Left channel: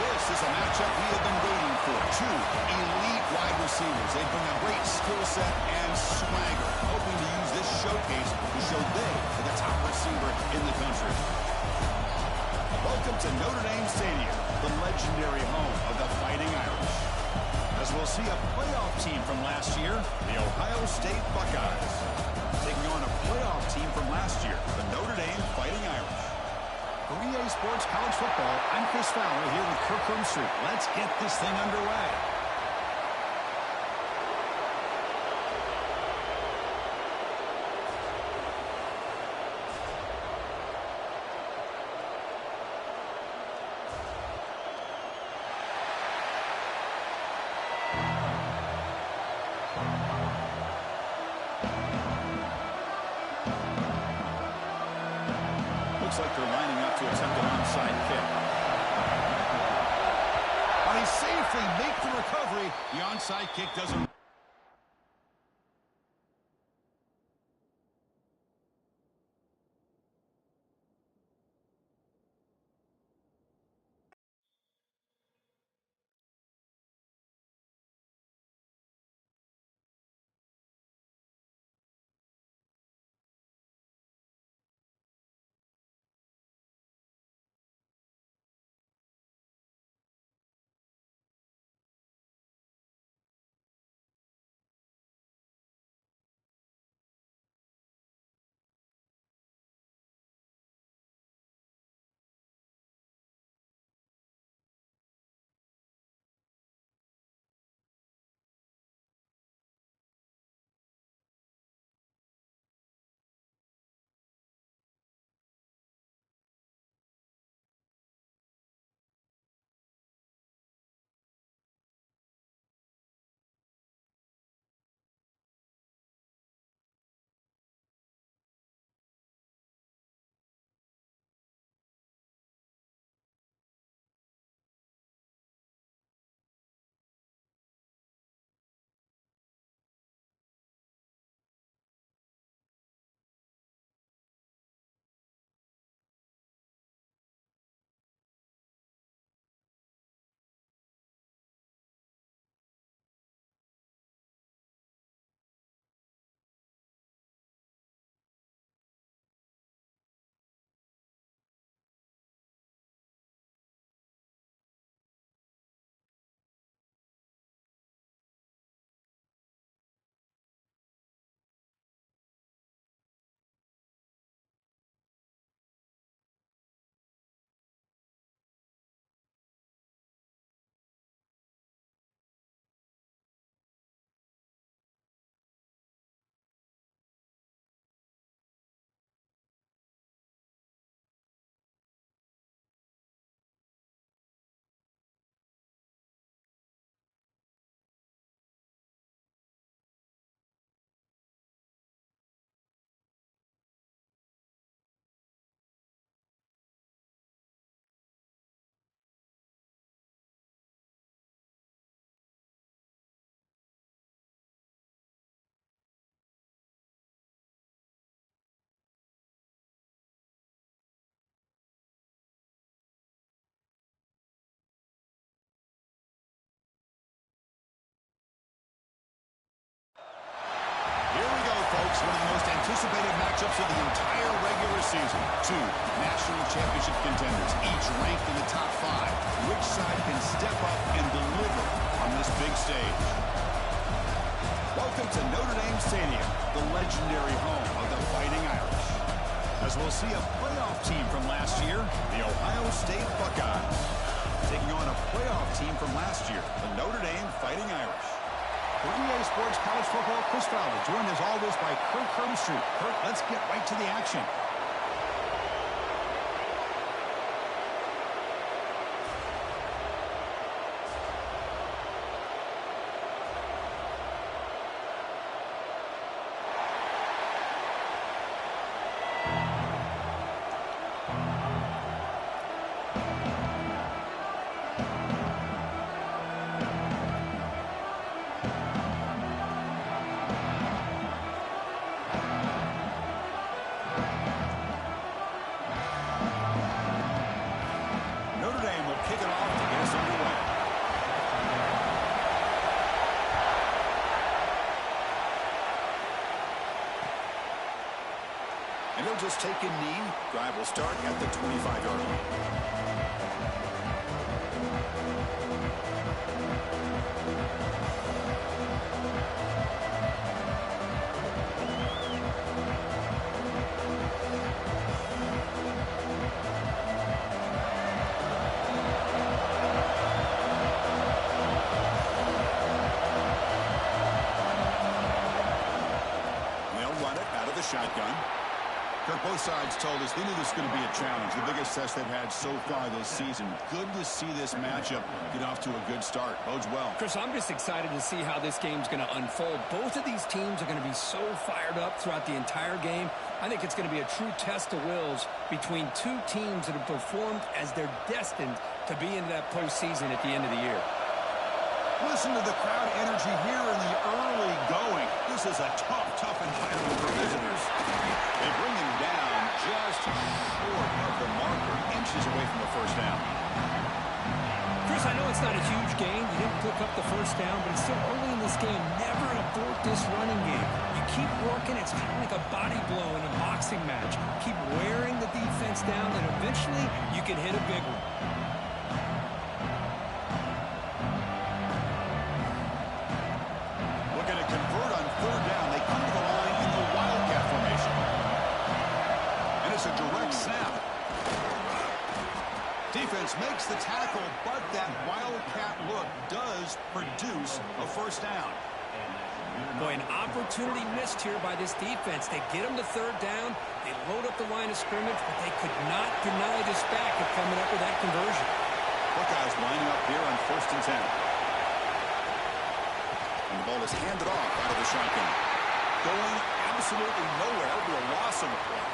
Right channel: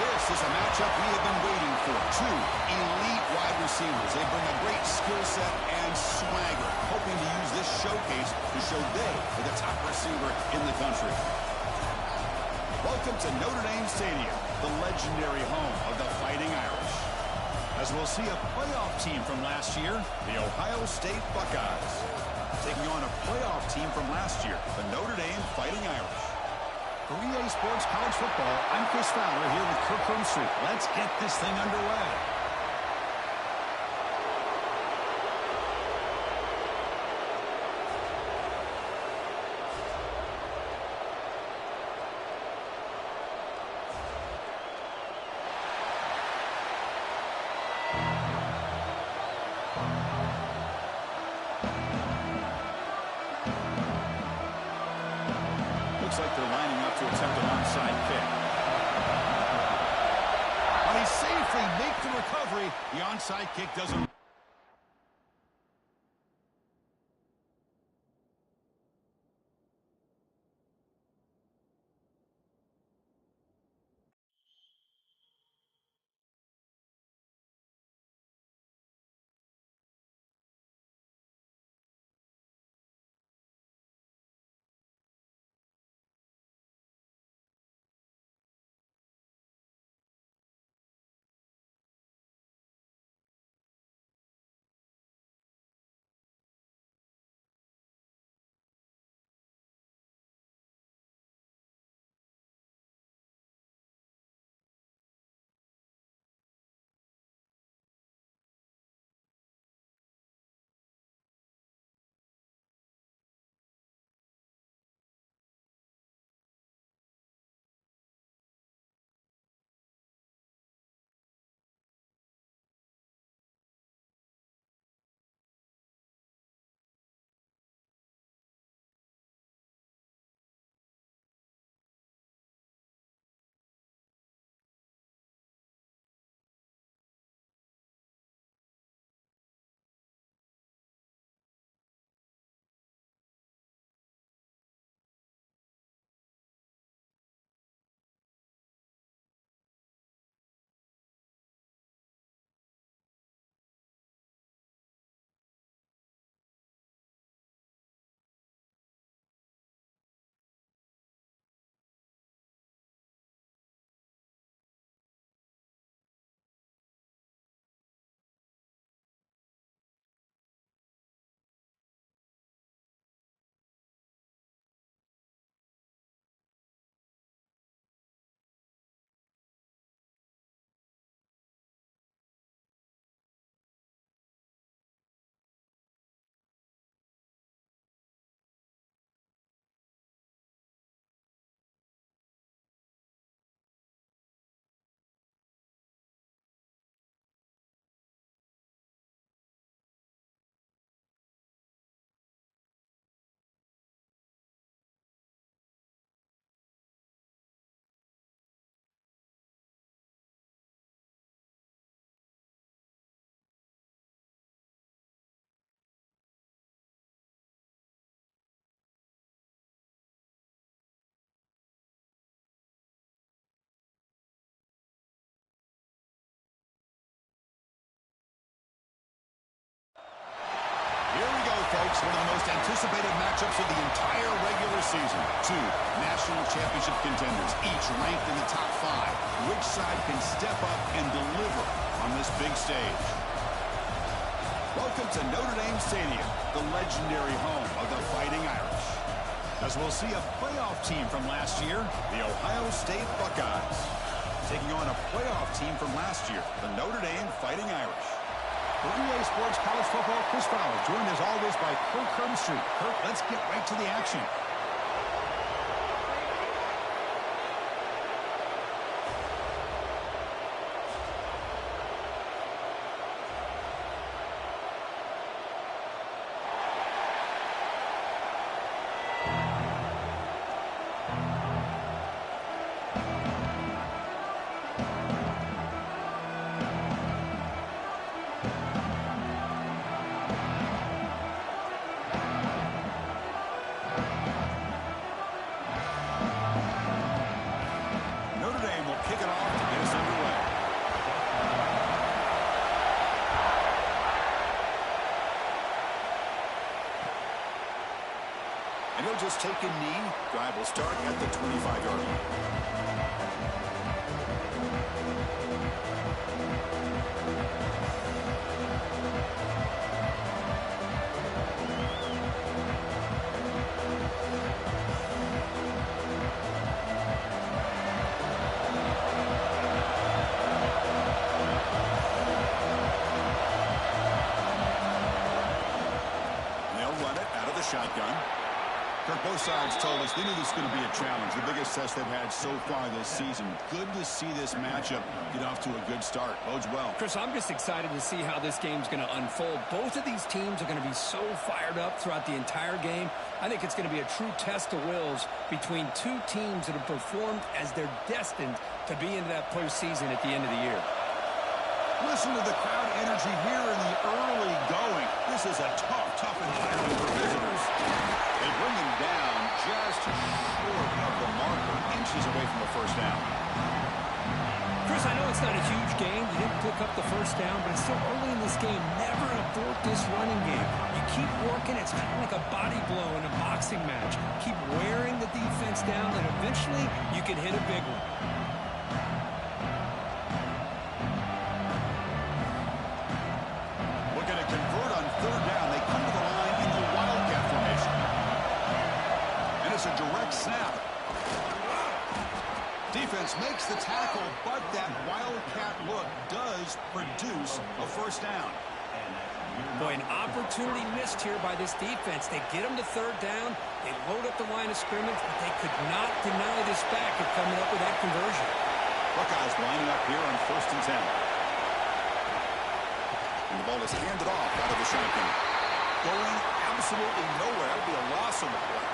This is a matchup we have been waiting for. Two elite wide receivers. They bring a great skill set and swagger, hoping to use this showcase to show they are the top receiver in the country. Welcome to Notre Dame Stadium, the legendary home of the Fighting Irish. As we'll see a playoff team from last year, the Ohio State Buckeyes, taking on a playoff team from last year, the Notre Dame Fighting Irish. For EA Sports College Football, I'm Chris Fowler here with Kirk Herbstreit. Let's get this thing underway. Looks like they're lining up to attempt an onside kick. But he safely makes the recovery. The onside kick doesn't. Here we go, folks. One of the most anticipated matchups of the entire regular season. Two national championship contenders, each ranked in the top 5. Which side can step up and deliver on this big stage? Welcome to Notre Dame Stadium, the legendary home of the Fighting Irish. As we'll see a playoff team from last year, the Ohio State Buckeyes, taking on a playoff team from last year, the Notre Dame Fighting Irish. For EA Sports College Football, Chris Fowler, joined as always by Kirk Herbstreit. Kirk, let's get right to the action. And he'll just take a knee. Drive will start at the 25-yard line. Shotgun. Kirk, both sides told us they knew this was going to be a challenge. The biggest test they've had so far this season. Good to see this matchup get off to a good start. Bodes well. Chris, I'm just excited to see how this game's going to unfold. Both of these teams are going to be so fired up throughout the entire game. I think it's going to be a true test of wills between two teams that have performed as they're destined to be into that postseason at the end of the year. Listen to the crowd energy here in the early going. This is a tough environment for visitors. They bring him down just short of the marker, inches away from the first down. Chris, I know it's not a huge gain. You didn't pick up the first down, but it's still early in this game. Never abort this running game. You keep working. It's kind of like a body blow in a boxing match. Keep wearing the defense down, and eventually you can hit a big one. Convert on third down. They come to the line in the Wildcat formation. And it's a direct snap. Defense makes the tackle, but that Wildcat look does produce a first down. Boy, an opportunity missed here by this defense. They get them to third down. They load up the line of scrimmage, but they could not deny this back of coming up with that conversion. Buckeyes lining up here on 1st and 10. And the ball is handed off out of the shotgun. Going absolutely nowhere. That'll be a loss on the play.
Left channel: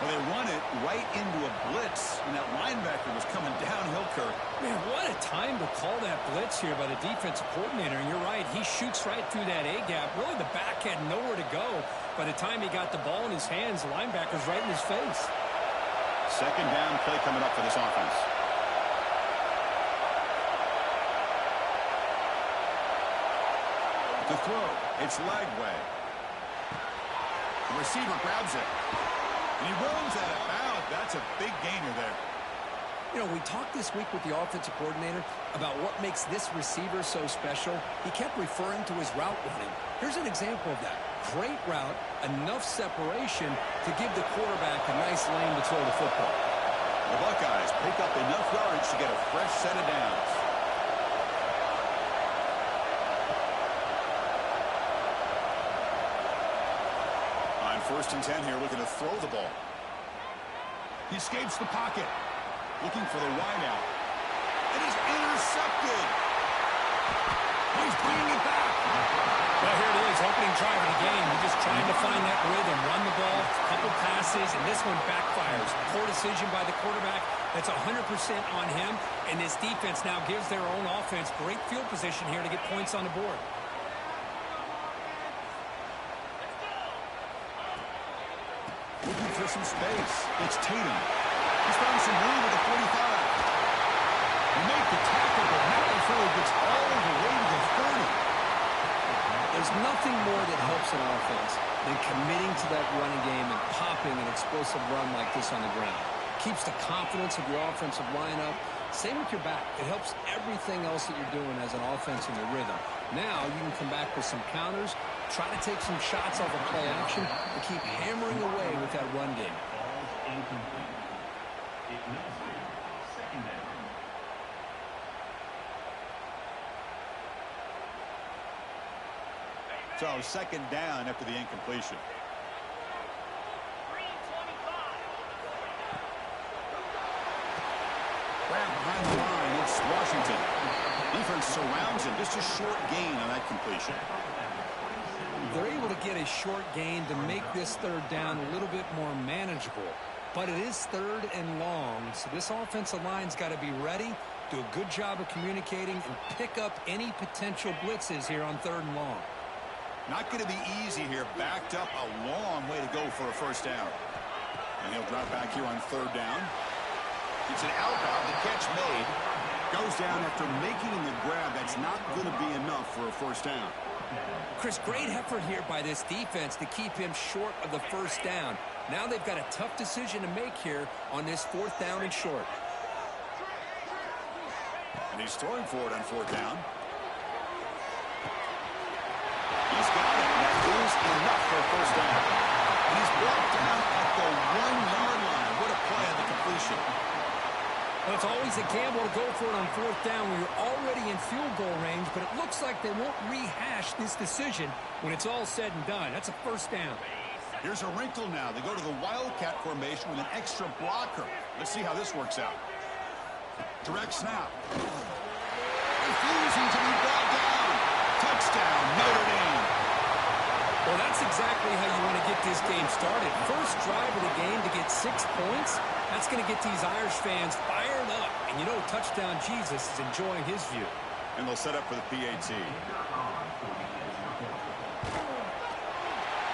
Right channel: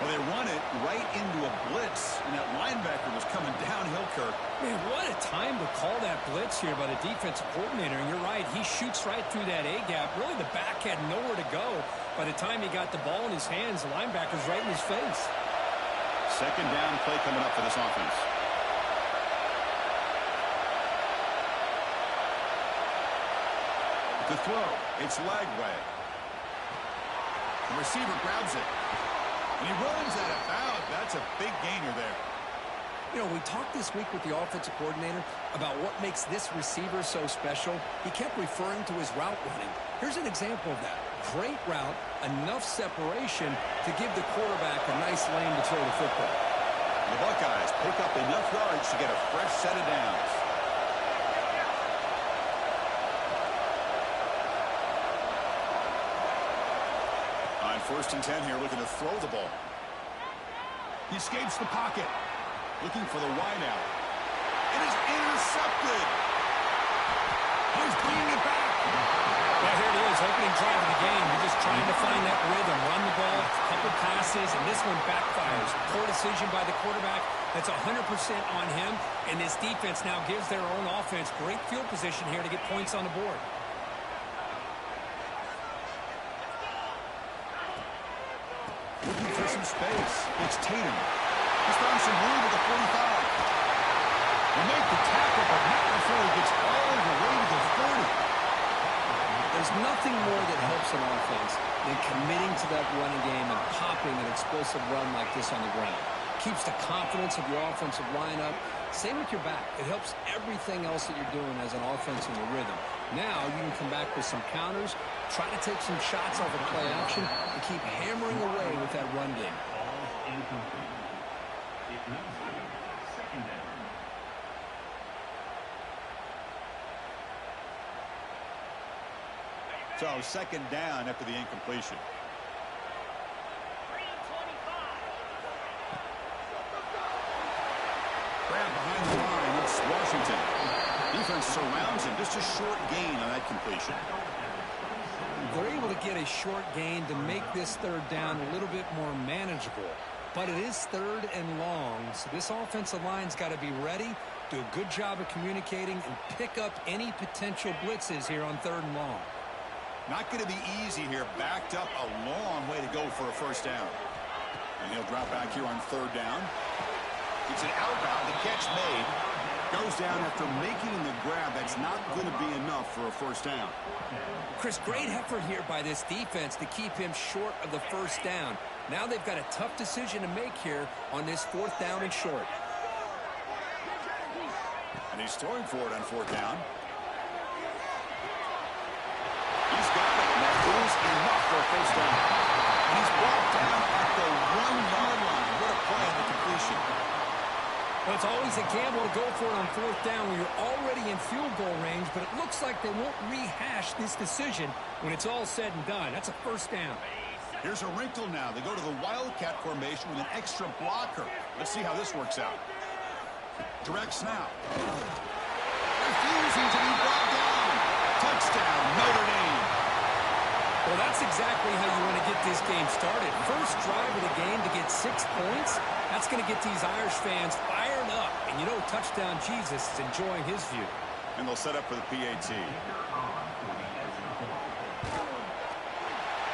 Well, they run it right into a blitz, and that linebacker was coming downhill, Kirk. Man, what a time to call that blitz here by the defensive coordinator. And you're right, he shoots right through that A-gap. Really, the back had nowhere to go. By the time he got the ball in his hands, the linebacker's right in his face. Second down play coming up for this offense. The throw, it's Lagway. The receiver grabs it. And he runs that about. That's a big gainer there. You know, we talked this week with the offensive coordinator about what makes this receiver so special. He kept referring to his route running. Here's an example of that. Great route, enough separation to give the quarterback a nice lane to throw the football. The Buckeyes pick up enough yards to get a fresh set of downs. On 1st and 10 here, looking to throw the ball. He escapes the pocket. Looking for the wideout. It is intercepted. Oh, he's bringing it back. Well, here it is, opening drive of the game. You're just trying to find that rhythm, run the ball, a couple passes, and this one backfires. Poor decision by the quarterback. That's 100% on him, and this defense now gives their own offense great field position here to get points on the board. Looking for some space. It's Tatum. He's found some room at the 45. He made the tackle, but not before he gets all the way to the 30. There's nothing more that helps an offense than committing to that running game and popping an explosive run like this on the ground. Keeps the confidence of your offensive lineup. Same with your back. It helps everything else that you're doing as an offense in your rhythm. Now you can come back with some counters, try to take some shots off of play action, and keep hammering away with that run game. Second down. So second down after the incompletion. Grab behind the line. It's Washington. Defense surrounds him. Just a short gain on that completion. They're able to get a short gain to make this third down a little bit more manageable. But it is third and long, so this offensive line's got to be ready, do a good job of communicating, and pick up any potential blitzes here on third and long. Not going to be easy here. Backed up a long way to go for a first down. And he'll drop back here on third down. It's an outbound. The catch made. Goes down after making the grab. That's not going to be enough for a first down. Chris, great effort here by this defense to keep him short of the first down. Now they've got a tough decision to make here on this 4th down and short. And he's throwing for it on 4th down. He's got it, and that is enough for a first down. And he's brought down at the 1-yard line. What a play on the completion. Well, it's always a gamble to go for it on 4th down when you're already in field goal range, but it looks like they won't rehash this decision when it's all said and done. That's a first down. Here's a wrinkle now. They go to the Wildcat formation with an extra blocker. Let's see how this works out. Direct snap. Refusing to be brought down. Touchdown, Notre Dame. Well, that's exactly how you want to get this game started. First drive of the game to get 6 points. That's going to get these Irish fans fired up. And you know, Touchdown Jesus is enjoying his view. And they'll set up for the PAT.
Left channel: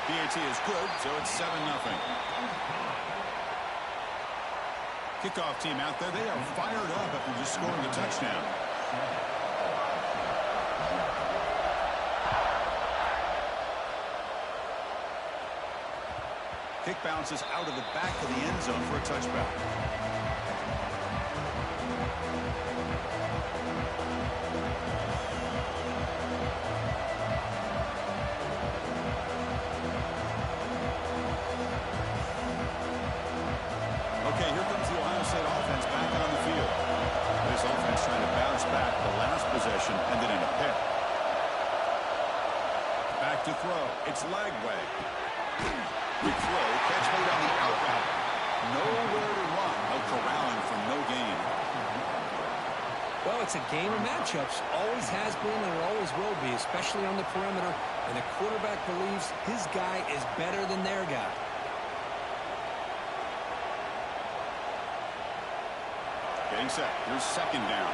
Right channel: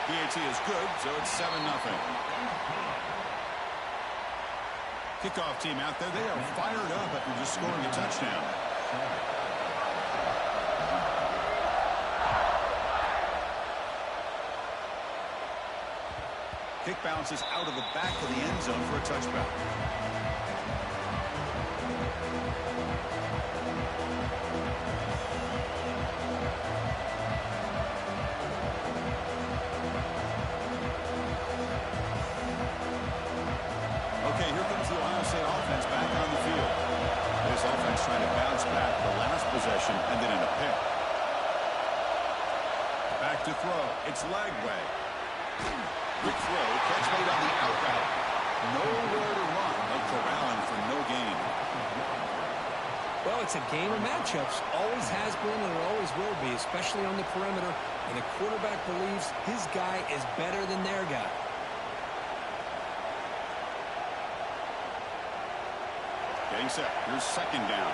PAT is good, so it's 7-0. Kickoff team out there, they are fired up after just scoring a touchdown. Kick bounces out of the back of the end zone for a touchback. Okay, here comes the Ohio State offense back on the field. This offense trying to bounce back. The last possession ended in a pick. Back to throw. It's Lagway. Quick throw. Catch made on the out route. Nowhere to run. No corralling for no gain. Well, it's a game of matchups. Always has been and it always will be, especially on the perimeter. And the quarterback believes his guy is better than their guy. Getting set. Here's 2nd down.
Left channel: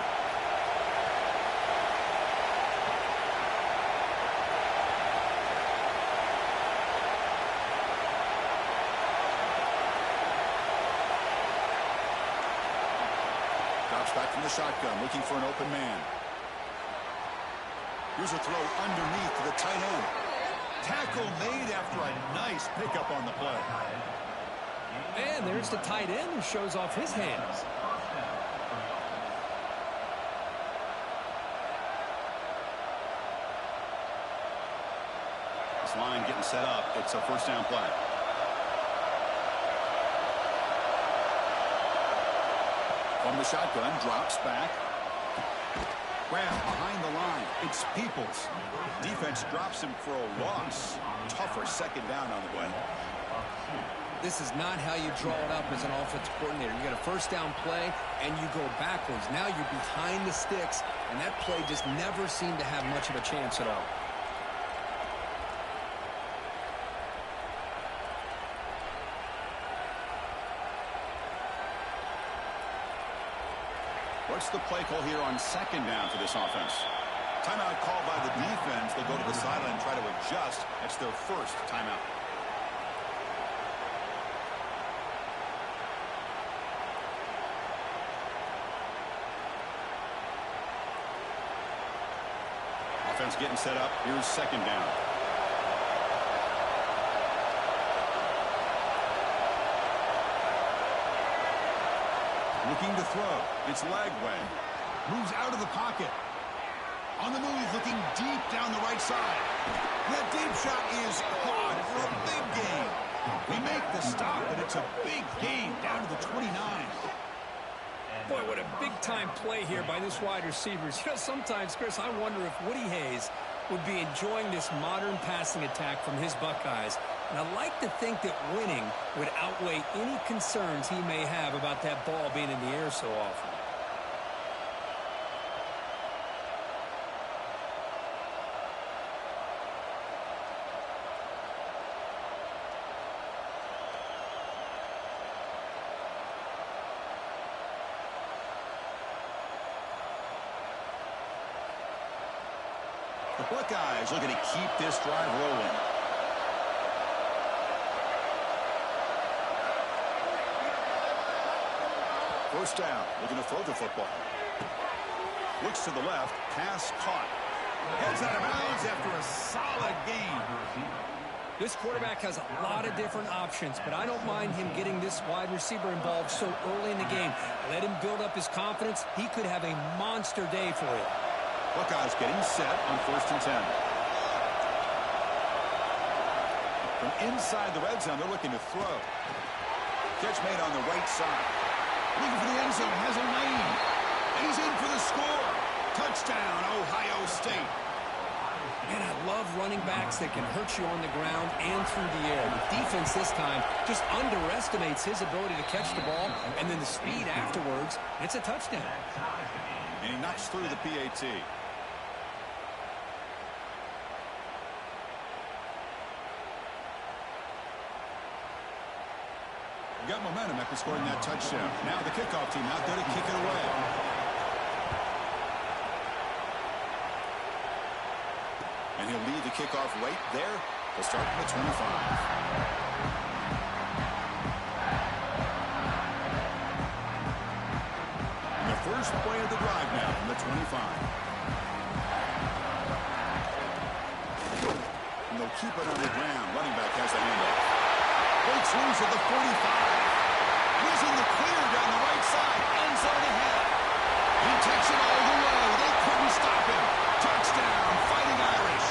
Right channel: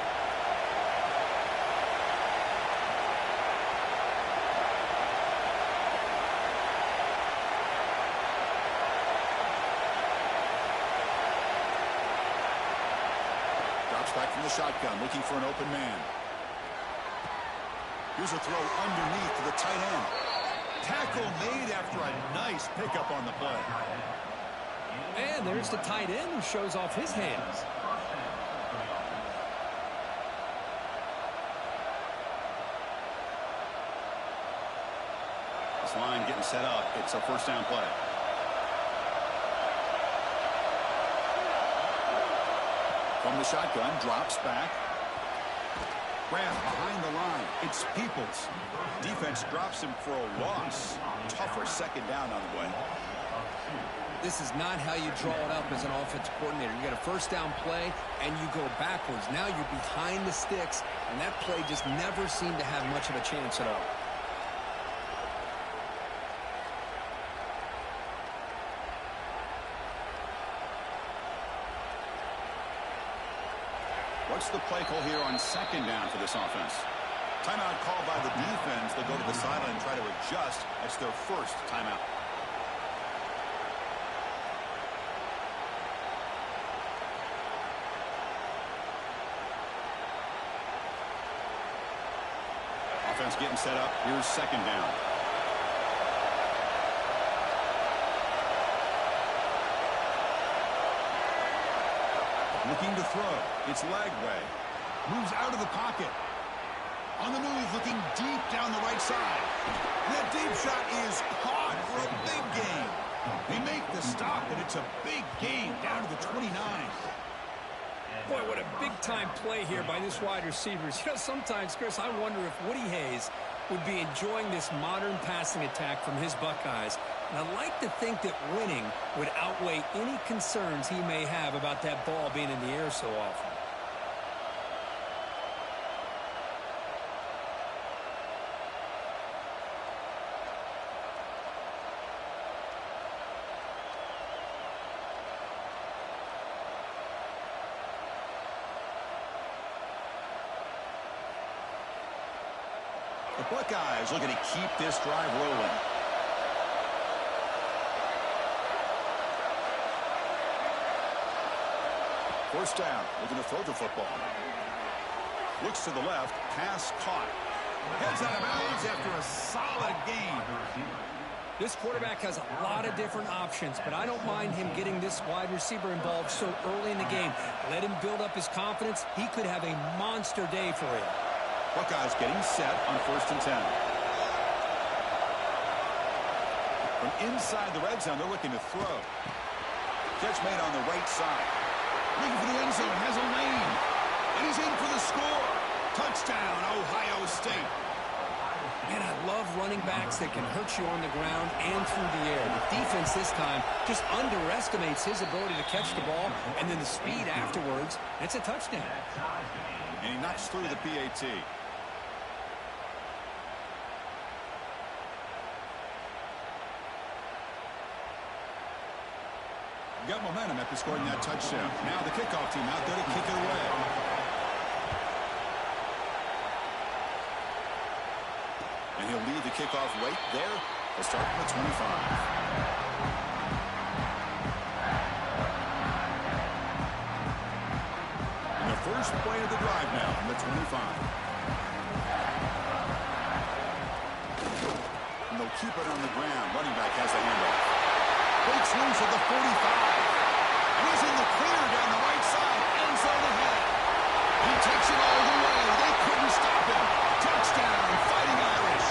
Drops back from the shotgun, looking for an open man. Here's a throw underneath to the tight end. Tackle made after a nice pickup on the play. And there's the tight end who shows off his hands. This line getting set up. It's a 1st down play. From the shotgun, drops back. Grab behind the line. It's Peoples. Defense drops him for a loss. Tougher 2nd down on the way. This is not how you draw it up as an offensive coordinator. You got a 1st down play, and you go backwards. Now you're behind the sticks, and that play just never seemed to have much of a chance at all. What's the play call here on 2nd down for this offense? Timeout called by the defense. They'll go to the sideline and try to adjust. That's their 1st timeout. Offense getting set up. Here's 2nd down. Looking to throw. It's Lagway. Moves out of the pocket. On the move, looking deep down the right side. That deep shot is caught for a big gain. They make the stop, but it's a big gain down to the 29. Boy, what a big-time play here by this wide receivers. You know, sometimes, Chris, I wonder if Woody Hayes would be enjoying this modern passing attack from his Buckeyes. And I like to think that winning would outweigh any concerns he may have about that ball being in the air so often. The Buckeyes looking to keep this drive rolling. First down, looking to throw the football. Looks to the left, pass caught. Heads out of bounds after a solid gain. This quarterback has a lot of different options, but I don't mind him getting this wide receiver involved so early in the game. Let him build up his confidence. He could have a monster day for you. Buckeyes getting set on 1st and 10. From inside the red zone, they're looking to throw. Catch made on the right side. Looking for the end zone, has a lane. And he's in for the score. Touchdown, Ohio State. Man, I love running backs that can hurt you on the ground and through the air. The defense this time just underestimates his ability to catch the ball, and then the speed afterwards. It's a touchdown. And he knocks through the PAT. Got momentum after scoring that touchdown. Now the kickoff team out there to kick it away. And he'll lead the kickoff right there. They'll start from the 25. And the first play of the drive now from the 25. And they'll keep it on the ground. Running back has the handoff. Breaks loose at the 45. And he's in the clear down the right side. End zone ahead. He takes it all the way. They couldn't stop him. Touchdown, Fighting Irish.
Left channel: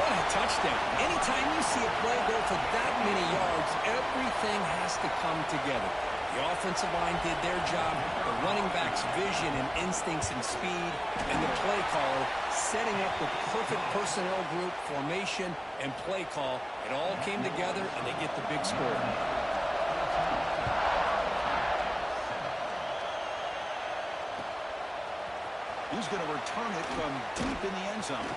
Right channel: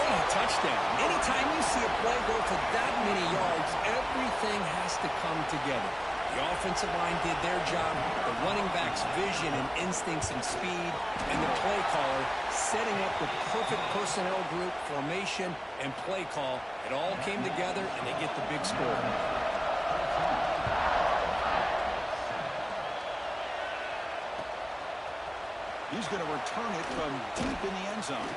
What a touchdown. Anytime you see a play go for that many yards, everything has to come together. The offensive line did their job, the running back's vision and instincts and speed, and the play caller setting up the perfect personnel group, formation, and play call. It all came together, and they get the big score. He's going to return it from deep in the end zone.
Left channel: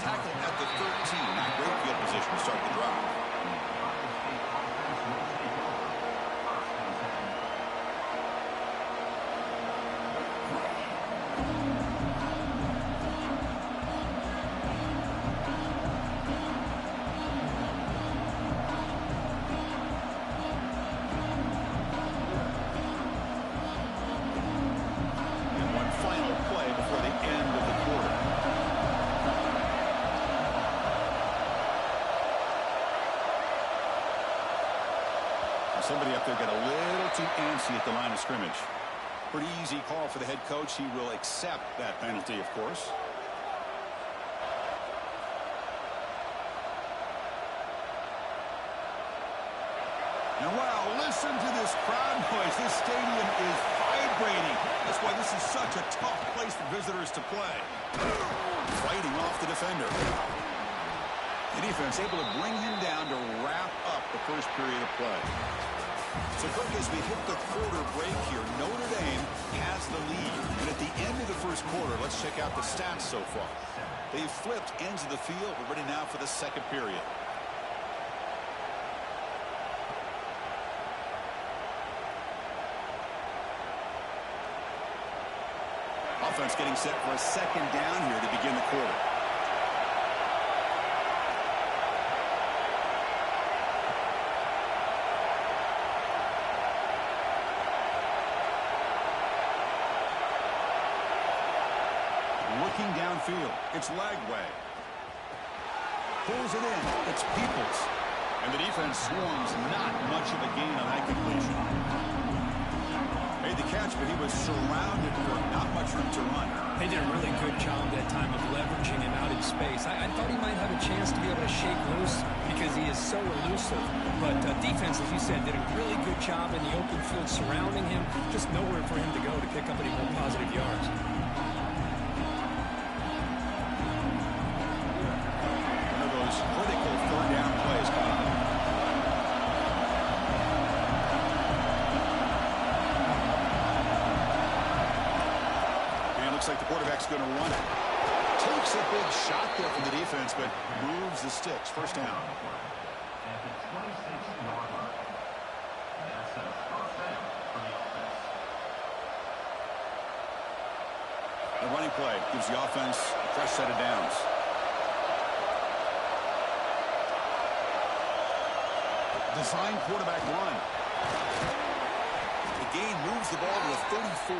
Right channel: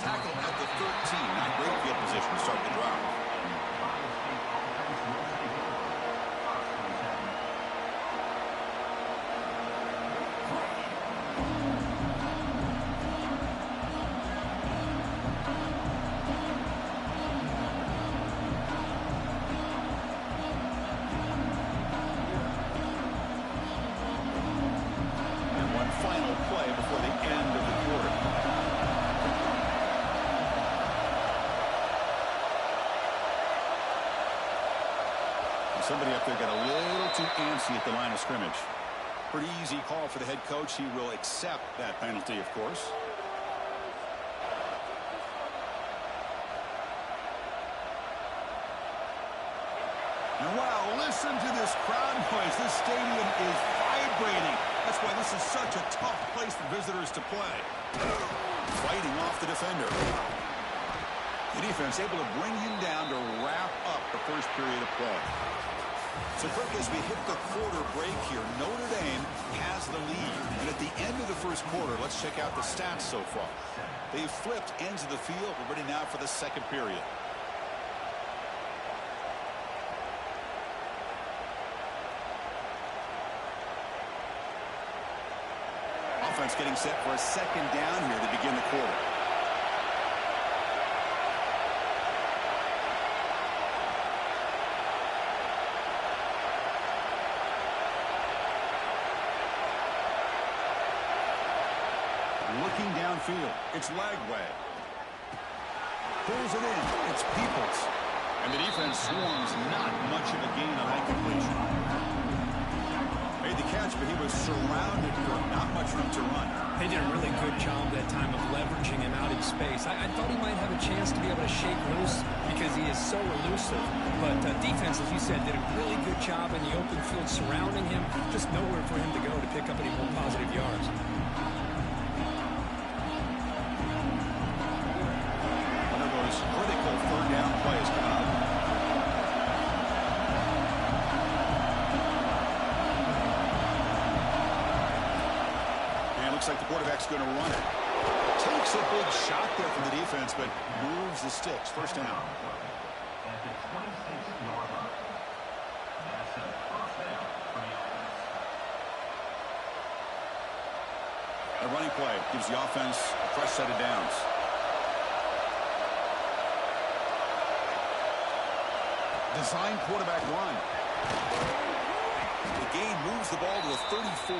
Tackle at the 13. Not great field position to start the drive. Final play before the end of the quarter. And somebody up there got a little too antsy at the line of scrimmage. Pretty easy call for the head coach. He will accept that penalty, of course. And wow, listen to this crowd noise. This stadium is vibrating. That's why this is such a tough place for visitors to play. Fighting off the defender. The defense able to bring him down to wrap up the first period of play. So, Kirk, as we hit the quarter break here, Notre Dame has the lead. And at the end of the first quarter, let's check out the stats so far. They've flipped ends of the field. We're ready now for the second period. Offense getting set for a second down here to begin the quarter. Looking downfield. It's Lagway. Pulls it in. It's Peoples. And the defense swarms. Not much of a gain on that completion. Made the catch, but he was surrounded for not much room to run. They did a really good job that time of leveraging him out in space. I thought he might have a chance to be able to shake loose because he is so elusive. But defense, as you said, did a really good job in the open field surrounding him. Just nowhere for him to go to pick up any more positive yards. One of those critical third down plays coming up. Looks like the quarterback's going to run it. Takes a big shot there from the defense, but moves the sticks. First down. At the 26-yard line. That's a first down for the offense. A running play gives the offense a fresh set of downs. Design quarterback run. The gain moves the ball to the 34.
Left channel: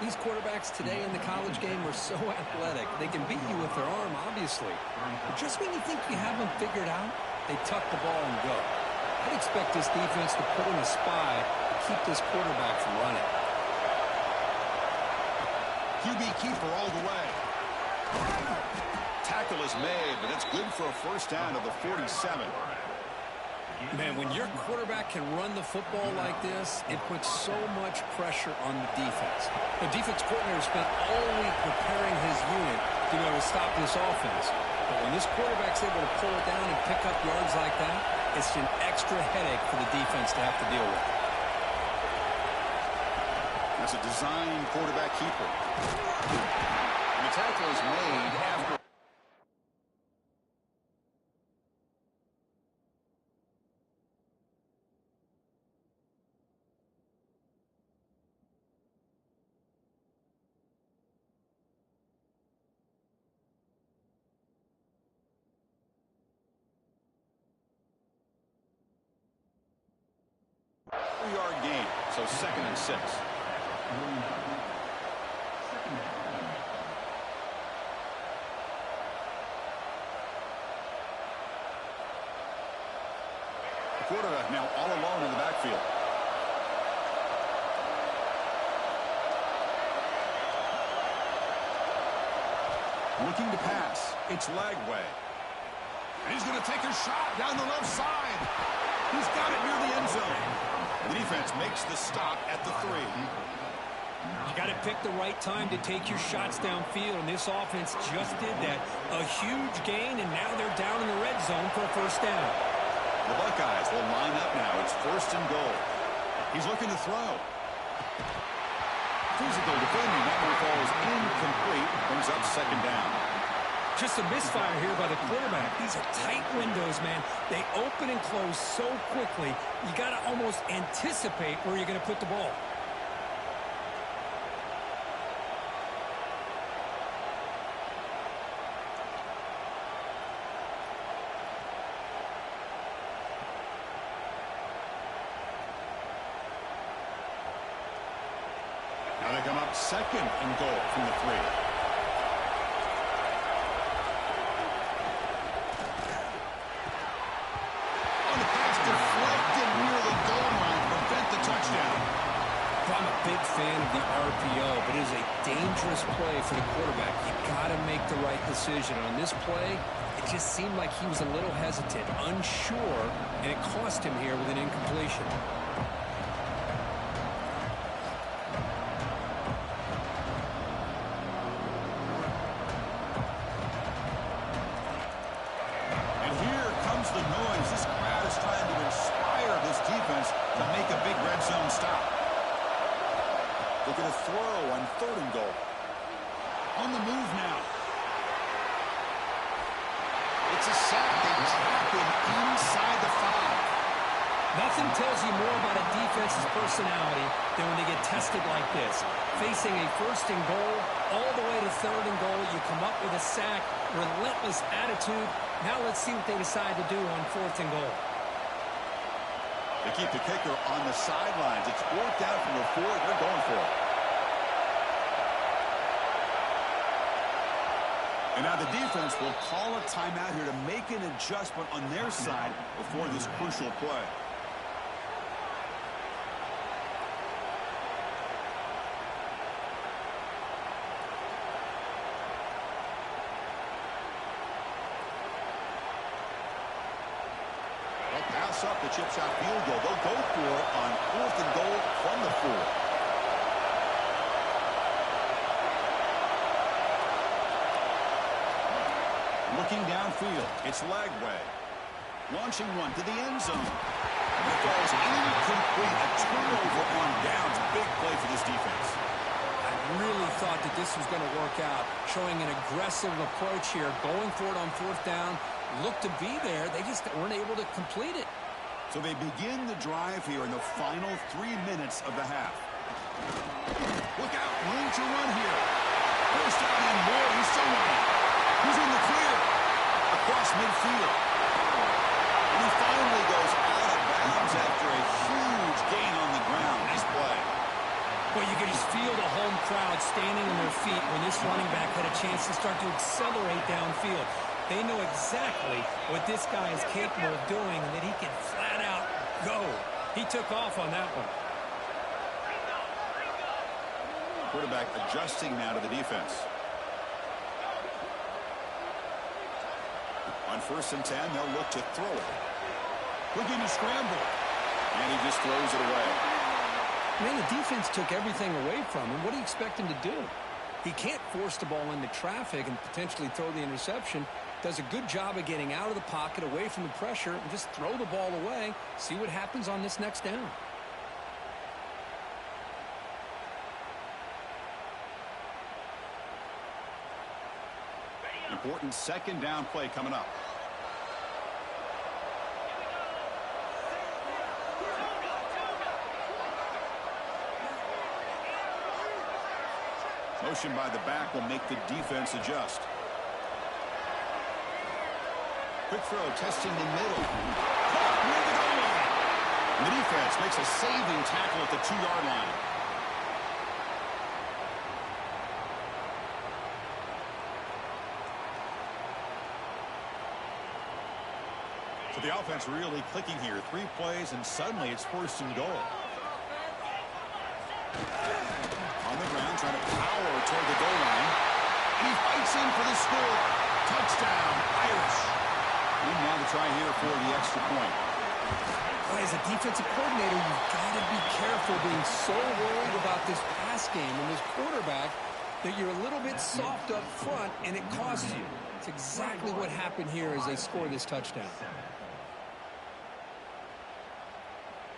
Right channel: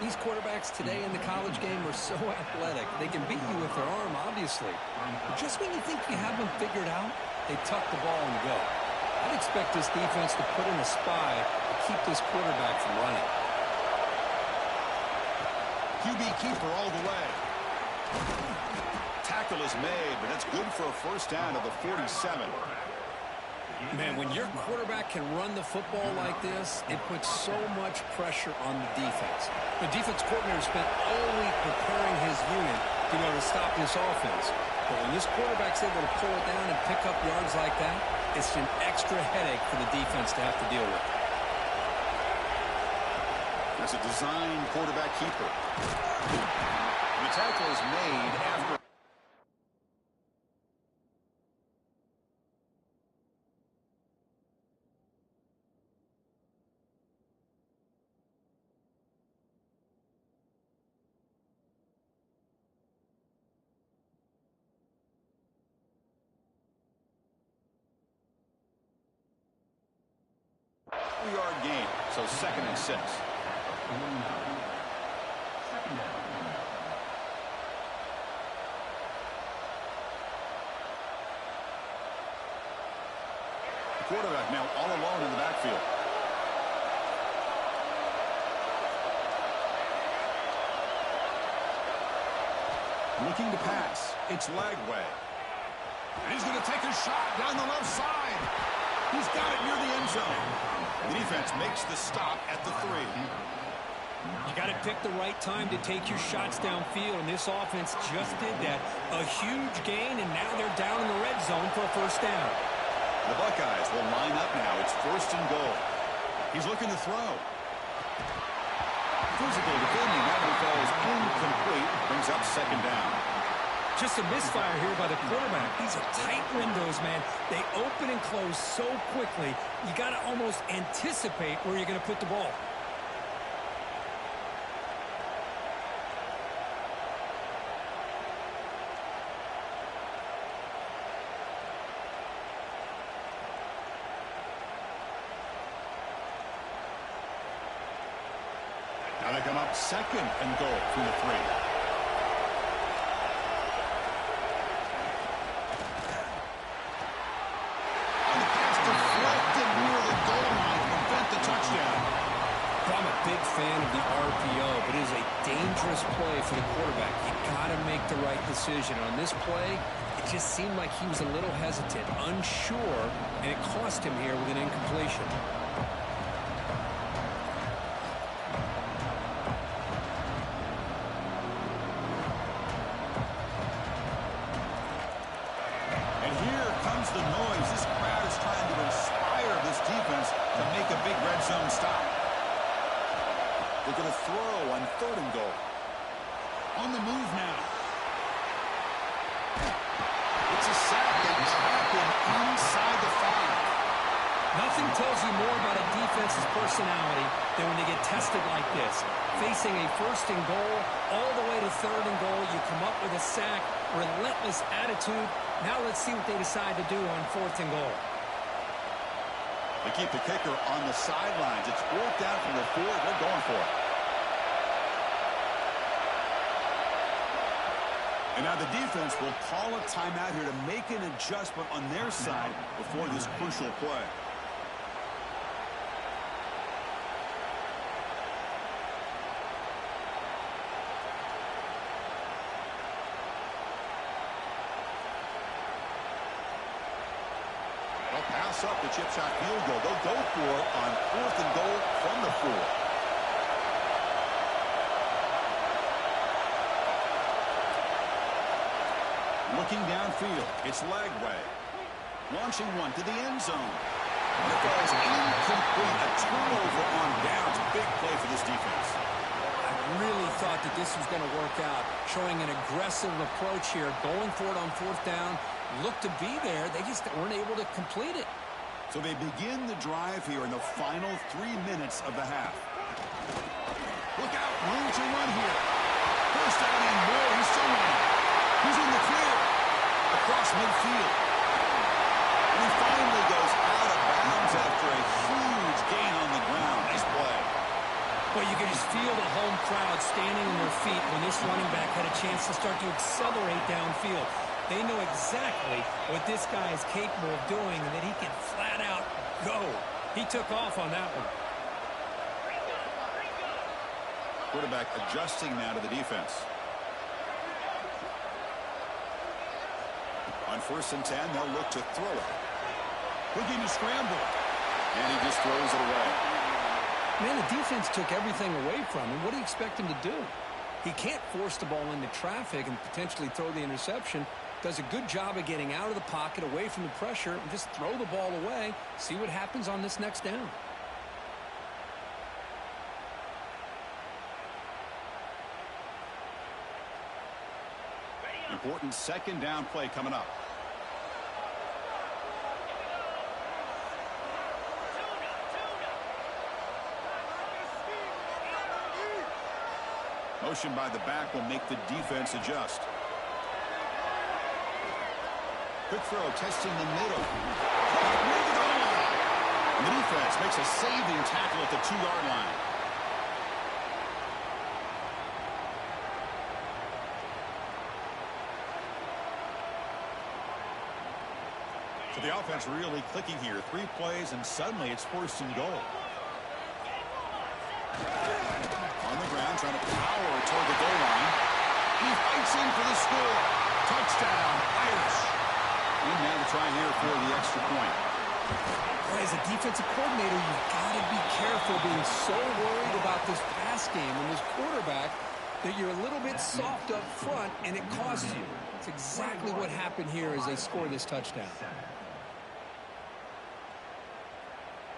These quarterbacks today in the college game are so athletic. They can beat you with their arm, obviously. But just when you think you have them figured out, they tuck the ball and go. I'd expect this defense to put in a spy to keep this quarterback from running. QB keeper all the way. Tackle is made, but that's good for a first down to the 47. Man, when your quarterback can run the football like this, it puts so much pressure on the defense. The defense coordinator spent all week preparing his unit to be able to stop this offense. But when this quarterback's able to pull it down and pick up yards like that, it's an extra headache for the defense to have to deal with. That's a design quarterback keeper. And the tackle is made after. Yard gain, so 2nd and 6. The quarterback now all alone in the backfield. Looking to pass. It's Lagway. And he's going to take a shot down the left side. He's got it near the end zone. The defense makes the stop at the 3. You got to pick the right time to take your shots downfield, and this offense just did that. A huge gain, and now they're down in the red zone for a first down. The Buckeyes will line up now. It's 1st and goal. He's looking to throw. Physical defending. That one falls incomplete. Brings up 2nd down. Just a misfire here by the quarterback. These are tight windows, man. They open and close so quickly, you got to almost anticipate where you're going to put the ball. Now they come up 2nd and goal from the 3. Deflected near the goal line to prevent the touchdown. I'm a big fan of the RPO, but it is a dangerous play for the quarterback. You got to make the right decision. On this play, it just seemed like he was a little hesitant, unsure, and it cost him here with an incompletion. The noise. This crowd is trying to inspire this defense to make a big red zone stop. Look at a throw on 3rd and goal. On the move now. It's a sack. They trap him inside the 5. Nothing tells you more about a defense's personality than when they get tested like this. Facing a 1st and goal, all the way to 3rd and goal, you come up with a sack, relentless attitude. Now let's see what they decide to do on 4th and goal. They keep the kicker on the sidelines. It's 4th down from the 4. They're going for it. And now the defense will call a timeout here to make an adjustment on their side before this crucial play. They'll pass up the chip shot field goal. They'll go for it on 4th and goal from the 4. Looking downfield, it's Lagway. Launching one to the end zone. And it falls incomplete. A turnover on downs. Big play for this defense. I really thought that this was going to work out. Showing an aggressive approach here. Going for it on 4th down. Looked to be there. They just weren't able to complete it. So they begin the drive here in the final 3 minutes of the half. Look out. Room to run here. First down and more. He's still running. He's in the clear. Across midfield. And he finally goes out of bounds after a huge gain on the ground. Nice play. Well, you can just feel the home crowd standing on their feet when this running back had a chance to start to accelerate downfield. They know exactly what this guy is capable of doing and that he can flat out go. He took off on that one. Quarterback adjusting now to the defense. On 1st and 10, they'll look to throw it. Looking to scramble. And he just throws it away. Man, the defense took everything away from him. What do you expect him to do? He can't force the ball into traffic and potentially throw the interception. Does a good job of getting out of the pocket, away from the pressure, and just throw the ball away. See what happens on this next down. Important 2nd down play coming up. Motion by the back will make the defense adjust. Quick throw, testing the middle. Caught near the goal line. And the defense makes a saving tackle at the 2-yard line. So the offense really clicking here. 3 plays, and suddenly it's 1st and goal. On the ground, trying to power toward the goal line. And he fights in for the score. Touchdown, Irish. And now the try here for the extra point. Boy, as a defensive coordinator, you've got to be careful being so worried about this pass game and this quarterback that you're a little bit soft up front, and it costs you. It's exactly what happened here as they score this touchdown.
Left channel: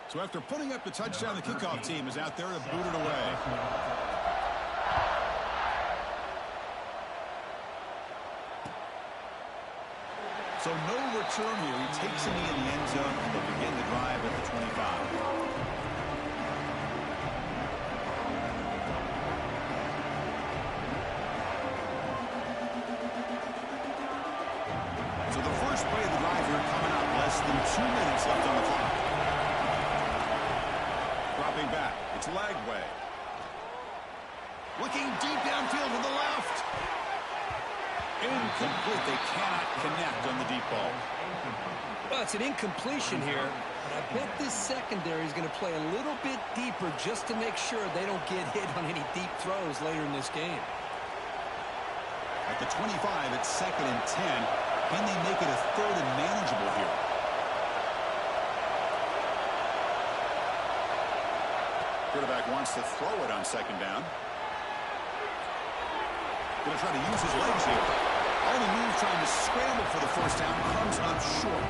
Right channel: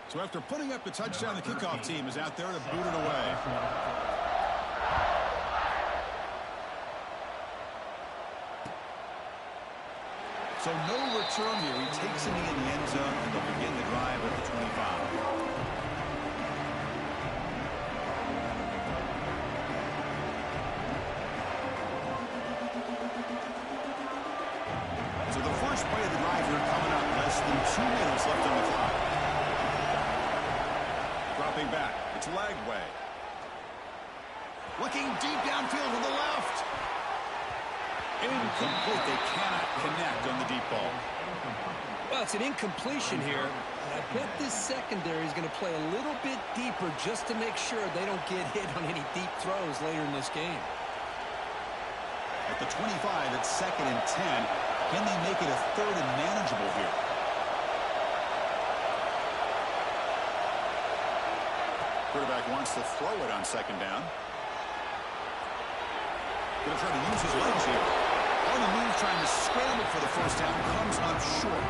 So after putting up the touchdown, the kickoff team is out there to boot it away. So no return here. He takes a knee in the end zone, and they'll begin the drive at the 25. So the first play of the drive here coming up. Less than 2 minutes left on the clock. Dropping back. It's Lagway. Looking deep downfield to the left. Incomplete. They cannot connect on the deep ball. Well, it's an incompletion here, but I bet this secondary is going to play a little bit deeper just to make sure they don't get hit on any deep throws later in this game. At the 25, it's 2nd and 10. Can they make it a 3rd and manageable here? Quarterback wants to throw it on 2nd down. Going to try to use his legs here. On the move, trying to scramble for the 1st down. Comes up short.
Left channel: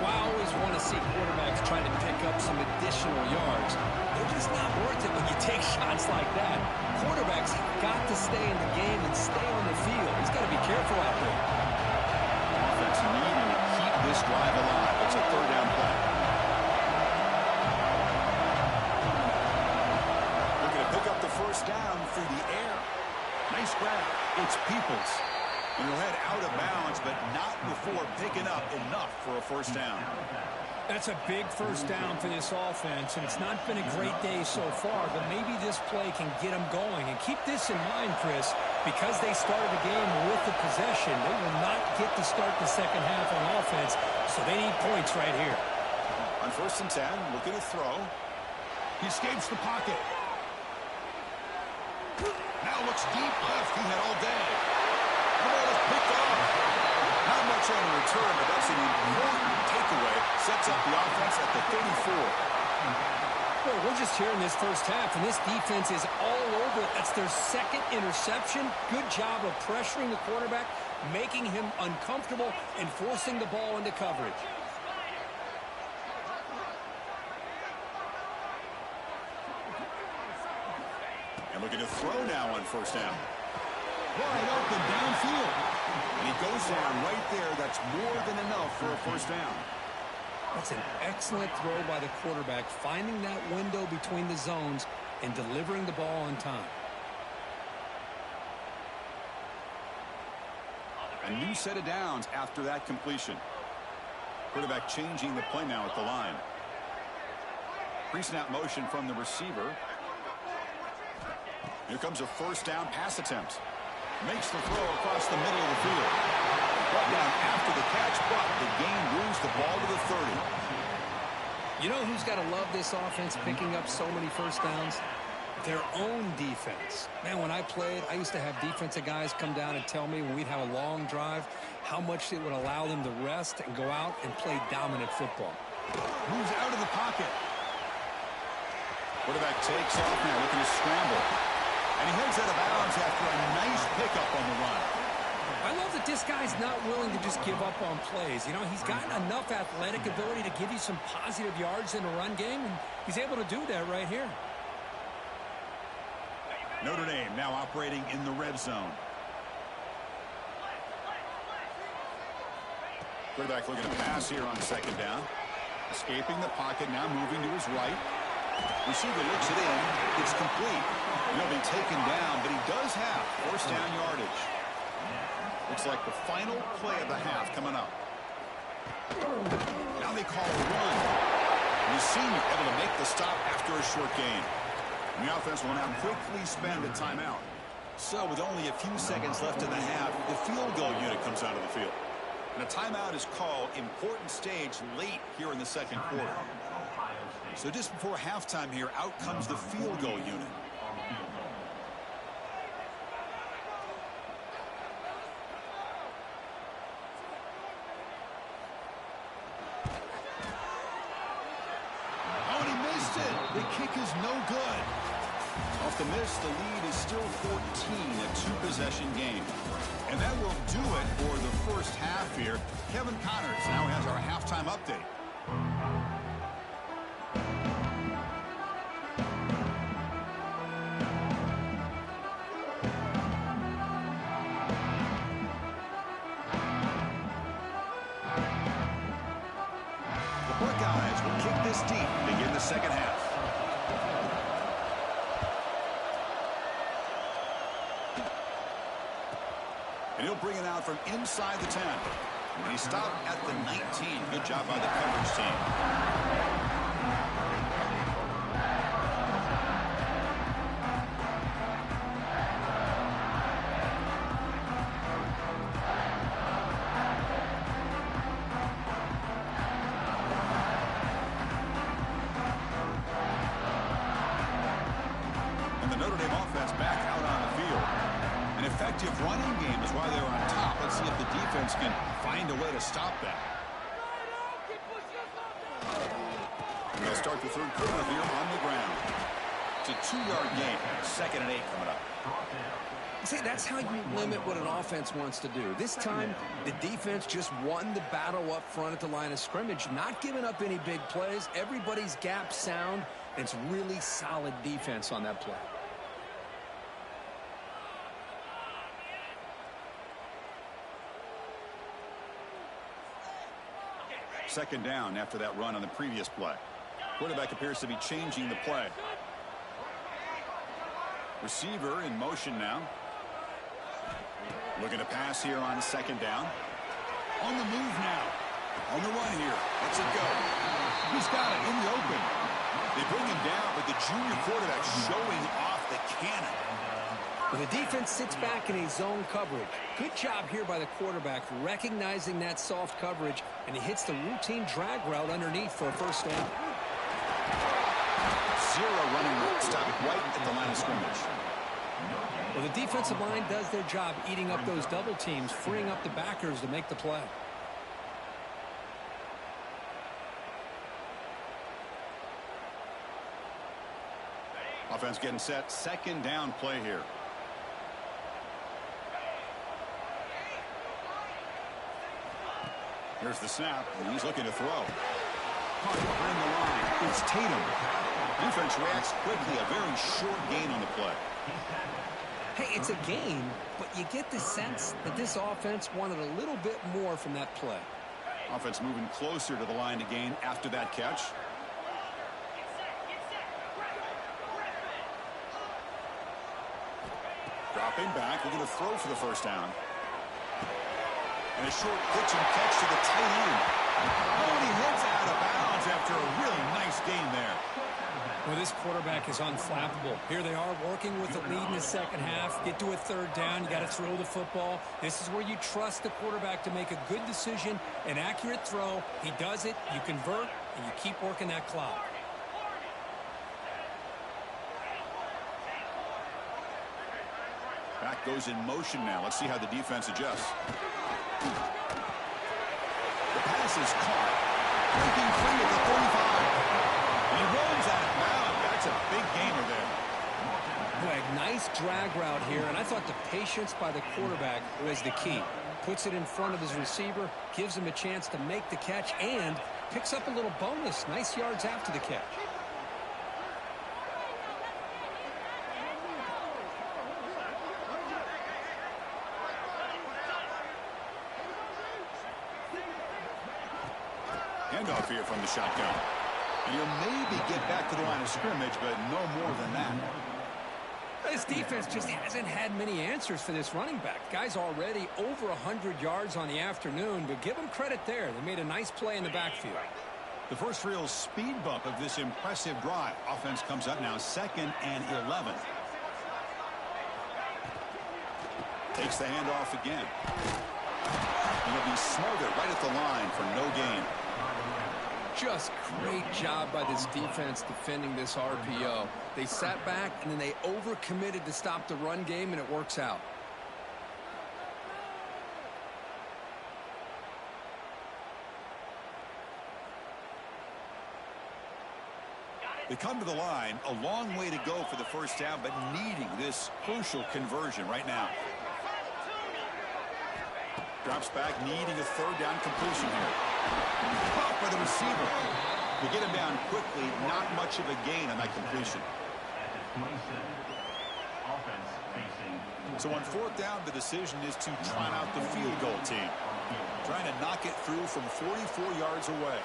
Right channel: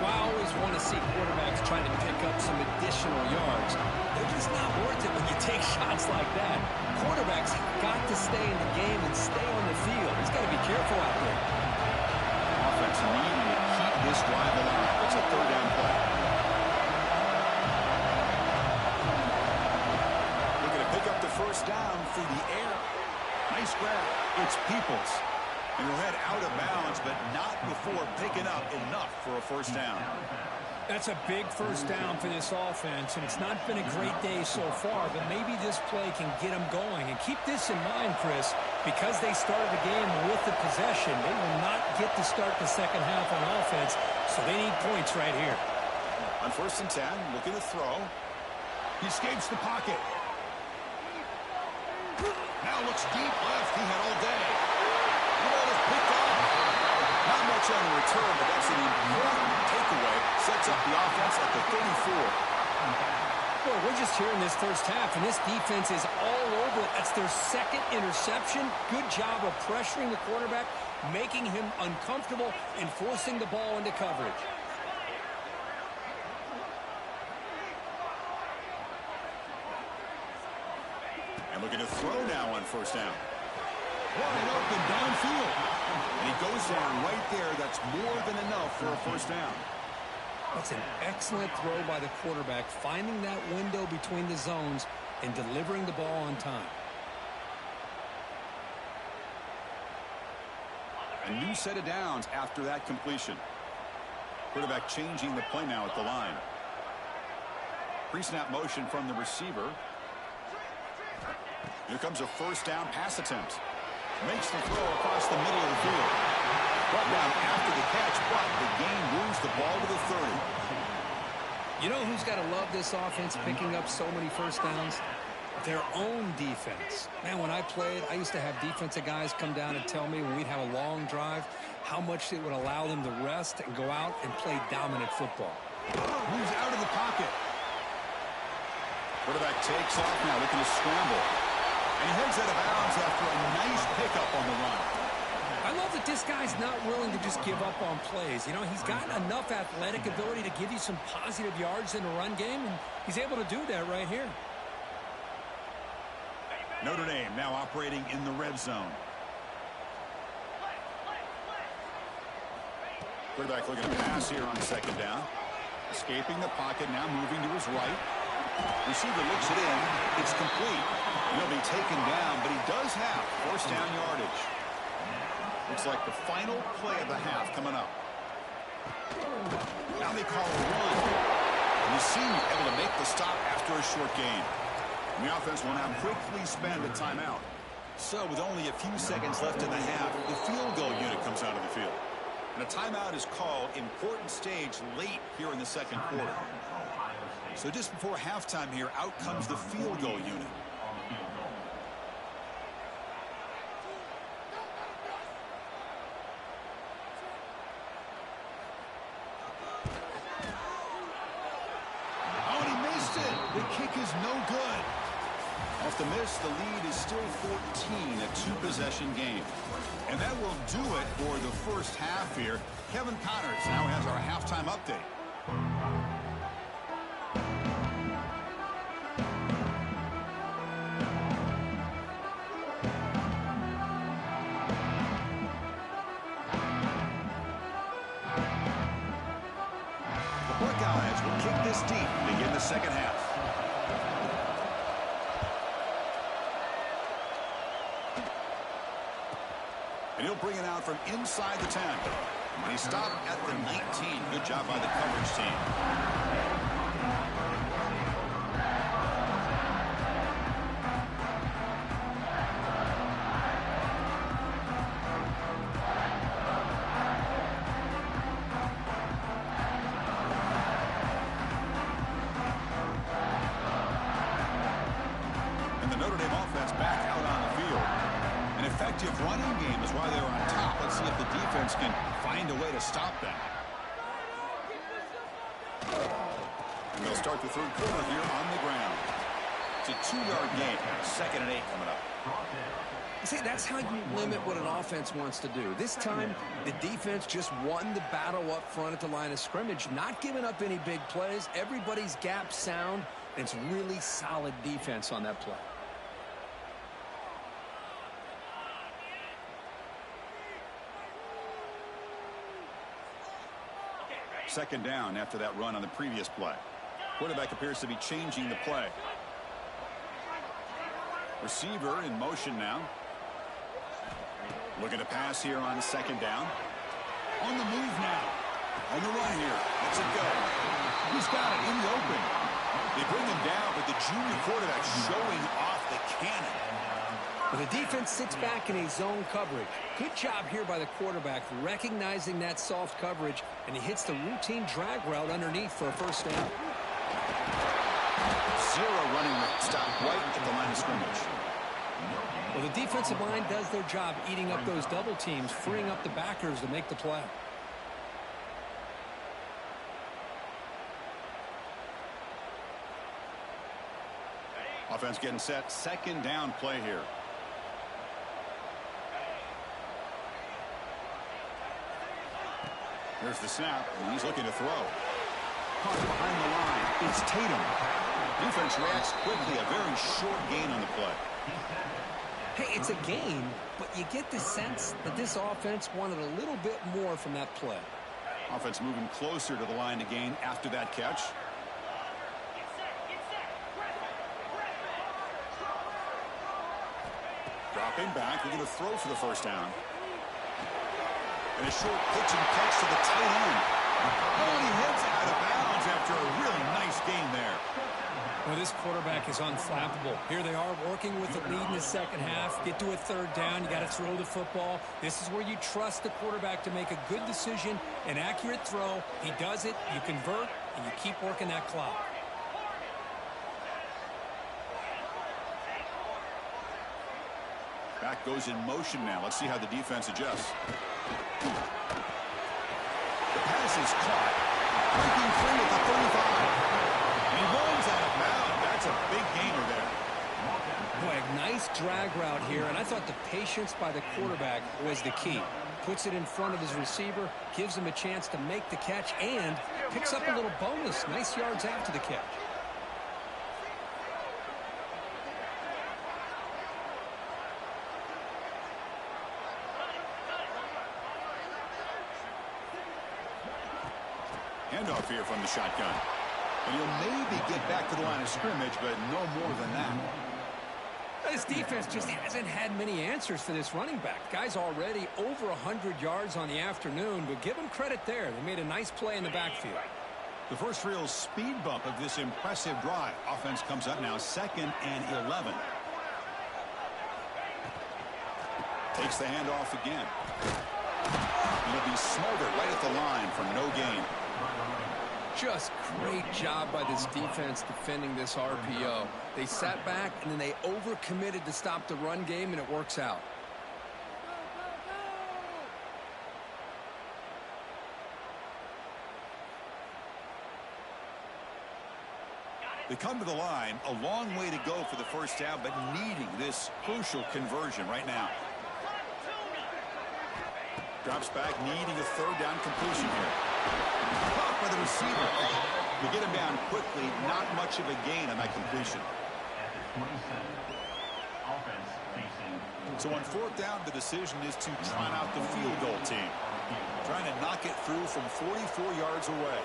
Well, I always want to see quarterbacks trying to pick up some additional yards. They're just not worth it when you take shots like that. Quarterbacks have got to stay in the game and stay on the field. He's got to be careful out there. Offense needing to keep this drive alive. It's a 3rd down play. Looking to pick up the 1st down through the air. Nice grab. It's Peoples. And he'll head out of bounds, but not before picking up enough for a 1st down. That's a big 1st down for this offense, and it's not been a great day so far, but maybe this play can get them going. And keep this in mind, Chris, because they started the game with the possession, they will not get to start the 2nd half on offense, so they need points right here. On 1st and 10, looking to throw. He escapes the pocket. Now looks deep left. He had all day. The ball is picked off. Not much on the return, but that's an important takeaway. Sets up the offense at the 34. Well, we're just here in this 1st half, and this defense is all over it. That's their 2nd interception. Good job of pressuring the quarterback, making him uncomfortable, and forcing the ball into coverage. And looking to throw now on 1st down. Wide open downfield. And he goes down right there. That's more than enough for a 1st down. That's an excellent throw by the quarterback, finding that window between the zones and delivering the ball on time. A new set of downs after that completion. Quarterback changing the play now at the line. Pre-snap motion from the receiver. Here comes a first down pass attempt. Makes the throw across the middle of the field. Brought down after the catch, but the gain moves the ball to the 30. You know who's got to love this offense picking up so many first downs? Their own defense. Man, when I played, I used to have defensive guys come down and tell me when we'd have a long drive how much it would allow them to rest and go out and play dominant football. Moves out of the pocket. Quarterback takes off now, looking to scramble. And he heads out of bounds after a nice pickup on the run. I love that this guy's not willing to just give up on plays. You know, he's got enough athletic ability to give you some positive yards in the run game, and he's able to do that right here. Notre Dame now operating in the red zone. Quarterback looking to pass here on second down. Escaping the pocket, now moving to his right. Receiver looks it in. It's complete. He'll be taken down, but he does have first down yardage. Looks like the final play of the half coming up. Now they call a run. And the senior able to make the stop after a short gain. And the offense will now quickly spend a timeout. So with only a few seconds left in the half, the field goal unit comes out of the field. And a timeout is called, important stage late here in the second quarter. So just before halftime here, out comes the field goal unit. Oh, and he missed it. The kick is no good. Off the miss, the lead is still 14, a two-possession game. And that will do it for the first half here. Kevin Connors now has our halftime update. The Buckeyes will kick this deep to begin the second half. And he'll bring it out from inside the 10. And he stopped at the 19. Good job by the coverage team. And the Notre Dame offense back out on the field. An effective running game is why they're on top. Let's see if the defense can find a way to stop that. And they'll start the third quarter here on the ground. It's a 2-yard gain. 2nd and 8 coming up. See, that's how you limit what an offense wants to do. This time, the defense just won the battle up front at the line of scrimmage, not giving up any big plays. Everybody's gap sound, and it's really solid defense on that play. Second down after that run on the previous play. Quarterback appears to be changing the play. Receiver in motion now. Looking to pass here on second down. On the move now. On the run here. Let's it go. He's got it in the open. They bring him down, but the junior quarterback showing off the cannon. Well, the defense sits back in a zone coverage. Good job here by the quarterback recognizing that soft coverage, and he hits the routine drag route underneath for a first down. 0 running route stop right at the line of scrimmage. Well, the defensive line does their job eating up those double teams, freeing up the backers to make the play. Offense getting set. Second down play here. Here's the snap, and he's looking to throw. Caught behind the line. It's Tatum. Defense reacts quickly. A very short gain on the play. Hey, it's a gain, but you get the sense that this offense wanted a little bit more from that play. Offense moving closer to the line to gain after that catch. Dropping back, looking to throw for the first down. And a short pitch and catch to the tight end. Oh, and he heads out of bounds after a really nice game there. Well, this quarterback is unflappable. Here they are working with the lead in the second half. Get to a third down. You got to throw the football. This is where you trust the quarterback to make a good decision, an accurate throw. He does it, you convert, and you keep working that clock. Back goes in motion now. Let's see how the defense adjusts. The pass is caught. Breaking free at the 35. And he rolls out of bounds. That's a big gainer there. Boy, a nice drag route here, and I thought the patience by the quarterback was the key. Puts it in front of his receiver, gives him a chance to make the catch, and picks up a little bonus. Nice yards after the catch. Handoff here from the shotgun. And he'll maybe get back to the line of scrimmage, but no more than that. This defense just hasn't had many answers for this running back. Guy's already over 100 yards on the afternoon, but give him credit there. They made a nice play in the backfield. The first real speed bump of this impressive drive. Offense comes up now 2nd and 11. Takes the handoff again. And he'll be smothered right at the line for no gain. Just great job by this defense defending this RPO. They sat back, and then they overcommitted to stop the run game, and it works out. They come to the line, a long way to go for the first down, but needing this crucial conversion right now. Drops back, needing a third down completion here. Caught by the receiver. They get him down quickly, not much of a gain on that completion. At the 27, offense facing. So on 4th down, the decision is to try out the field goal team. Trying to knock it through from 44 yards away.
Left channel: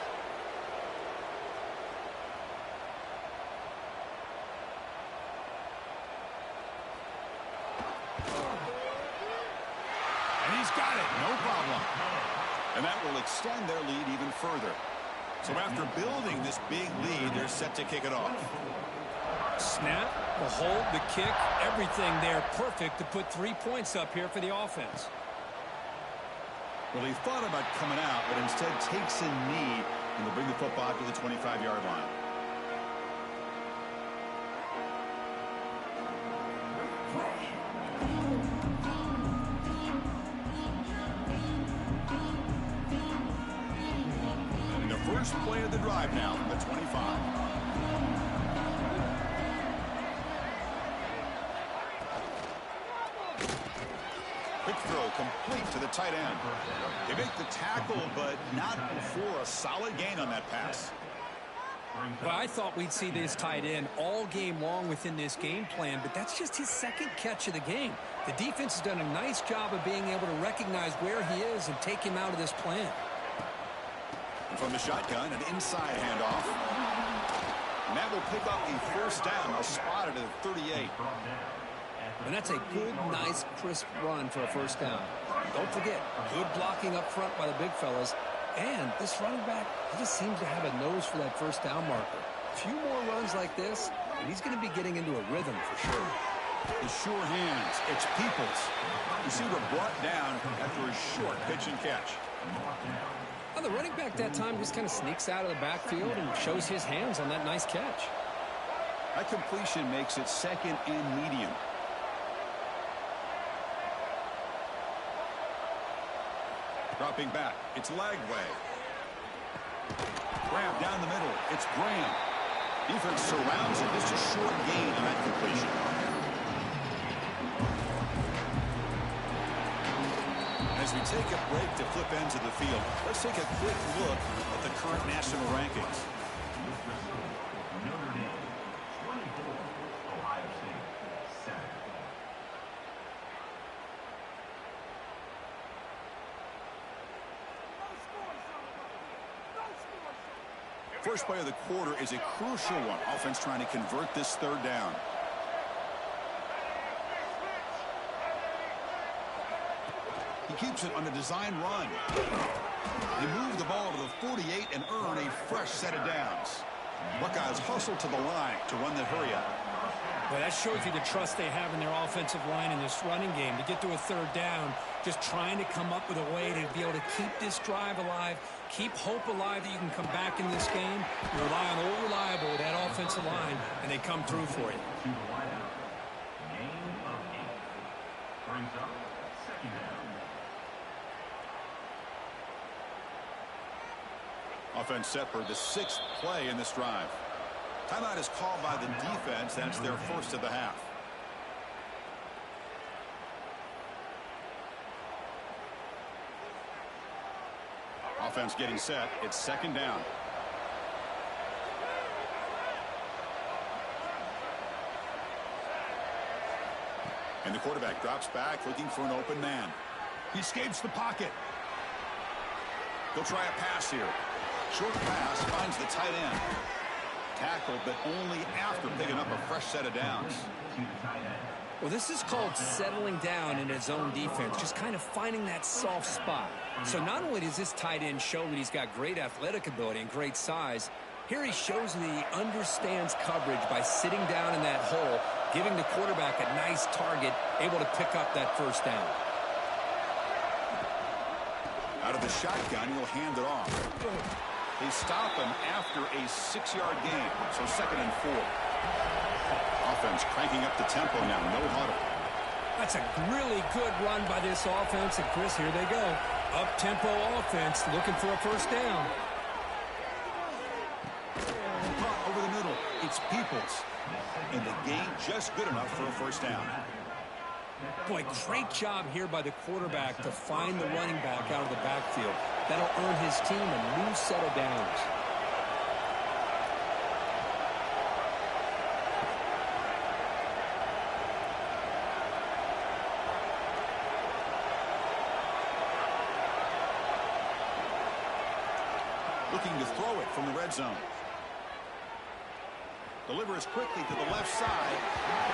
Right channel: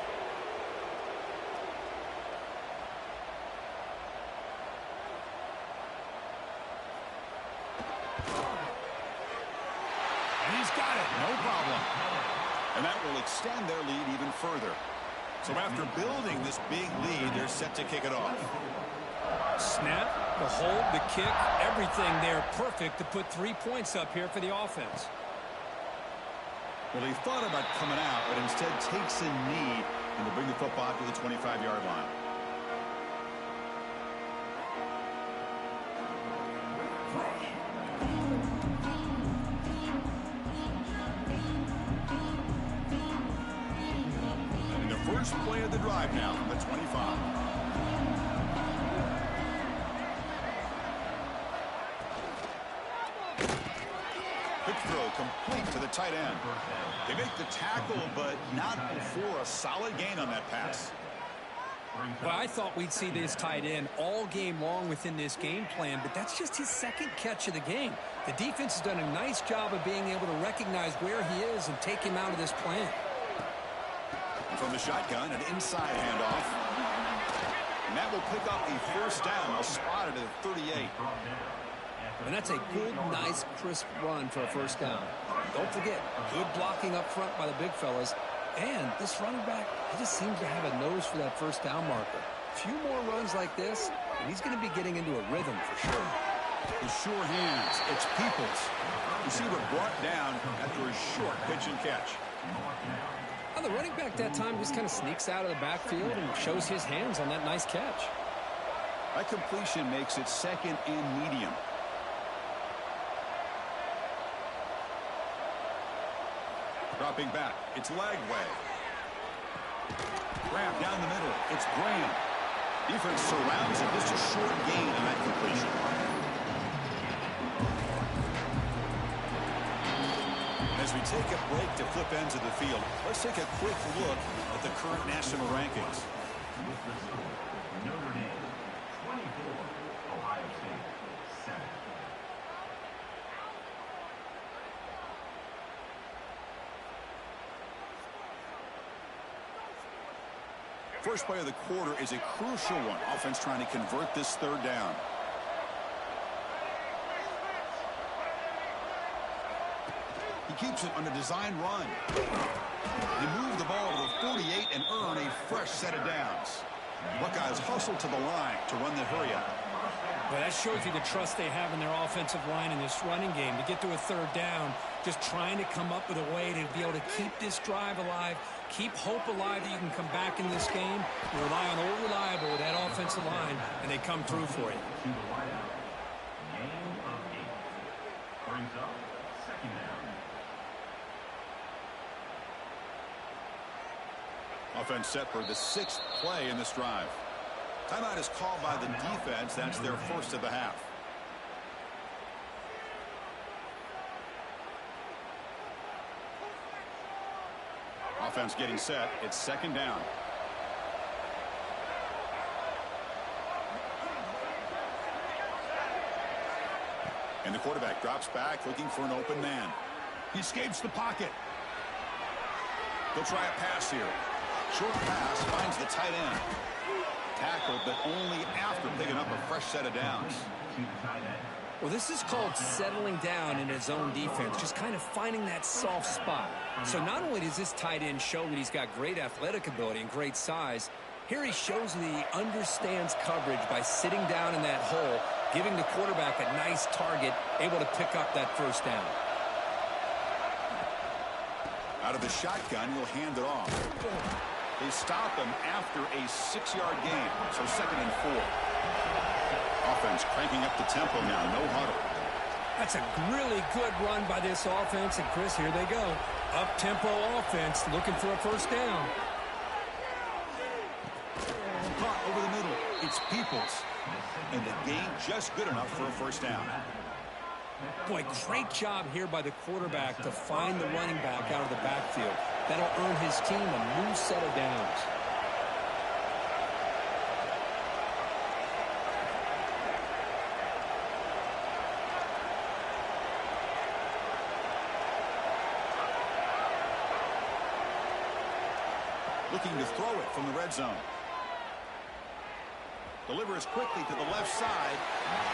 And he's got it, no problem. And that will extend their lead even further. So after building this big lead, they're set to kick it off. Snap, the hold, the kick, everything there perfect to put 3 points up here for the offense. Well, he thought about coming out, but instead takes a knee, and they'll bring the football to the 25-yard line. And the first play of the drive now from the 25. Quick throw complete to the tight end. They make the tackle, but not before a solid gain on that pass. Well, I thought we'd see this tight end all game long within this game plan, but that's just his second catch of the game. The defense has done a nice job of being able to recognize where he is and take him out of this plan. And from the shotgun, an inside handoff. And that will pick up a first down. They'll spot it at 38. And that's a good, nice, crisp run for a first down. Don't forget, good blocking up front by the big fellas. And this running back, he just seems to have a nose for that first down marker. A few more runs like this, and he's going to be getting into a rhythm for sure. His sure hands, it's Peoples. Receiver brought down after a short pitch and catch. Well, the running back that time just kind of sneaks out of the backfield and shows his hands on that nice catch. That completion makes it 2nd and medium. Dropping back, it's Lagway. Grab down the middle, it's Graham. Defense surrounds it, just a short gain on that completion. As we take a break to flip ends of the field, let's take a quick look at the current national rankings. Notre Dame, 24. Ohio State, 7. First play of the quarter is a crucial one. Offense trying to convert this third down. He keeps it on a design run. They move the ball to the 48 and earn a fresh set of downs. Buckeyes hustle to the line to run the hurry-up. Well, that shows you the trust they have in their offensive line in this running game. To get to a third down, just trying to come up with a way to be able to keep this drive alive, keep hope alive that you can come back in this game. You rely on Old Reliable with that offensive line, and they come through for you. To the wideout. Gain of 8. Brings up second down. Offense set for the 6th play in this drive. Timeout is called by the defense. That's their first of the half. Offense getting set. It's second down. And the quarterback drops back looking for an open man. He escapes the pocket. They'll try a pass here. Short pass finds the tight end. Tackled, but only after picking up a fresh set of downs. Well, this is called settling down in his own defense, just kind of finding that soft spot. So not only does this tight end show that he's got great athletic ability and great size, here he shows that he understands coverage by sitting down in that hole, giving the quarterback a nice target, able to pick up that first down. Out of the shotgun, he'll hand it off. They stop him after a 6-yard gain, so second and 4. Offense cranking up the tempo now, no huddle. That's a really good run by this offense, and Chris, here they go. Up-tempo offense looking for a first down. Caught over the middle. It's Peoples. And the gain just good enough for a first down. Boy, great job here by the quarterback to find the running back out of the backfield. That'll earn his team a new set of downs. Looking to throw it from the red zone. Delivers quickly to the left side.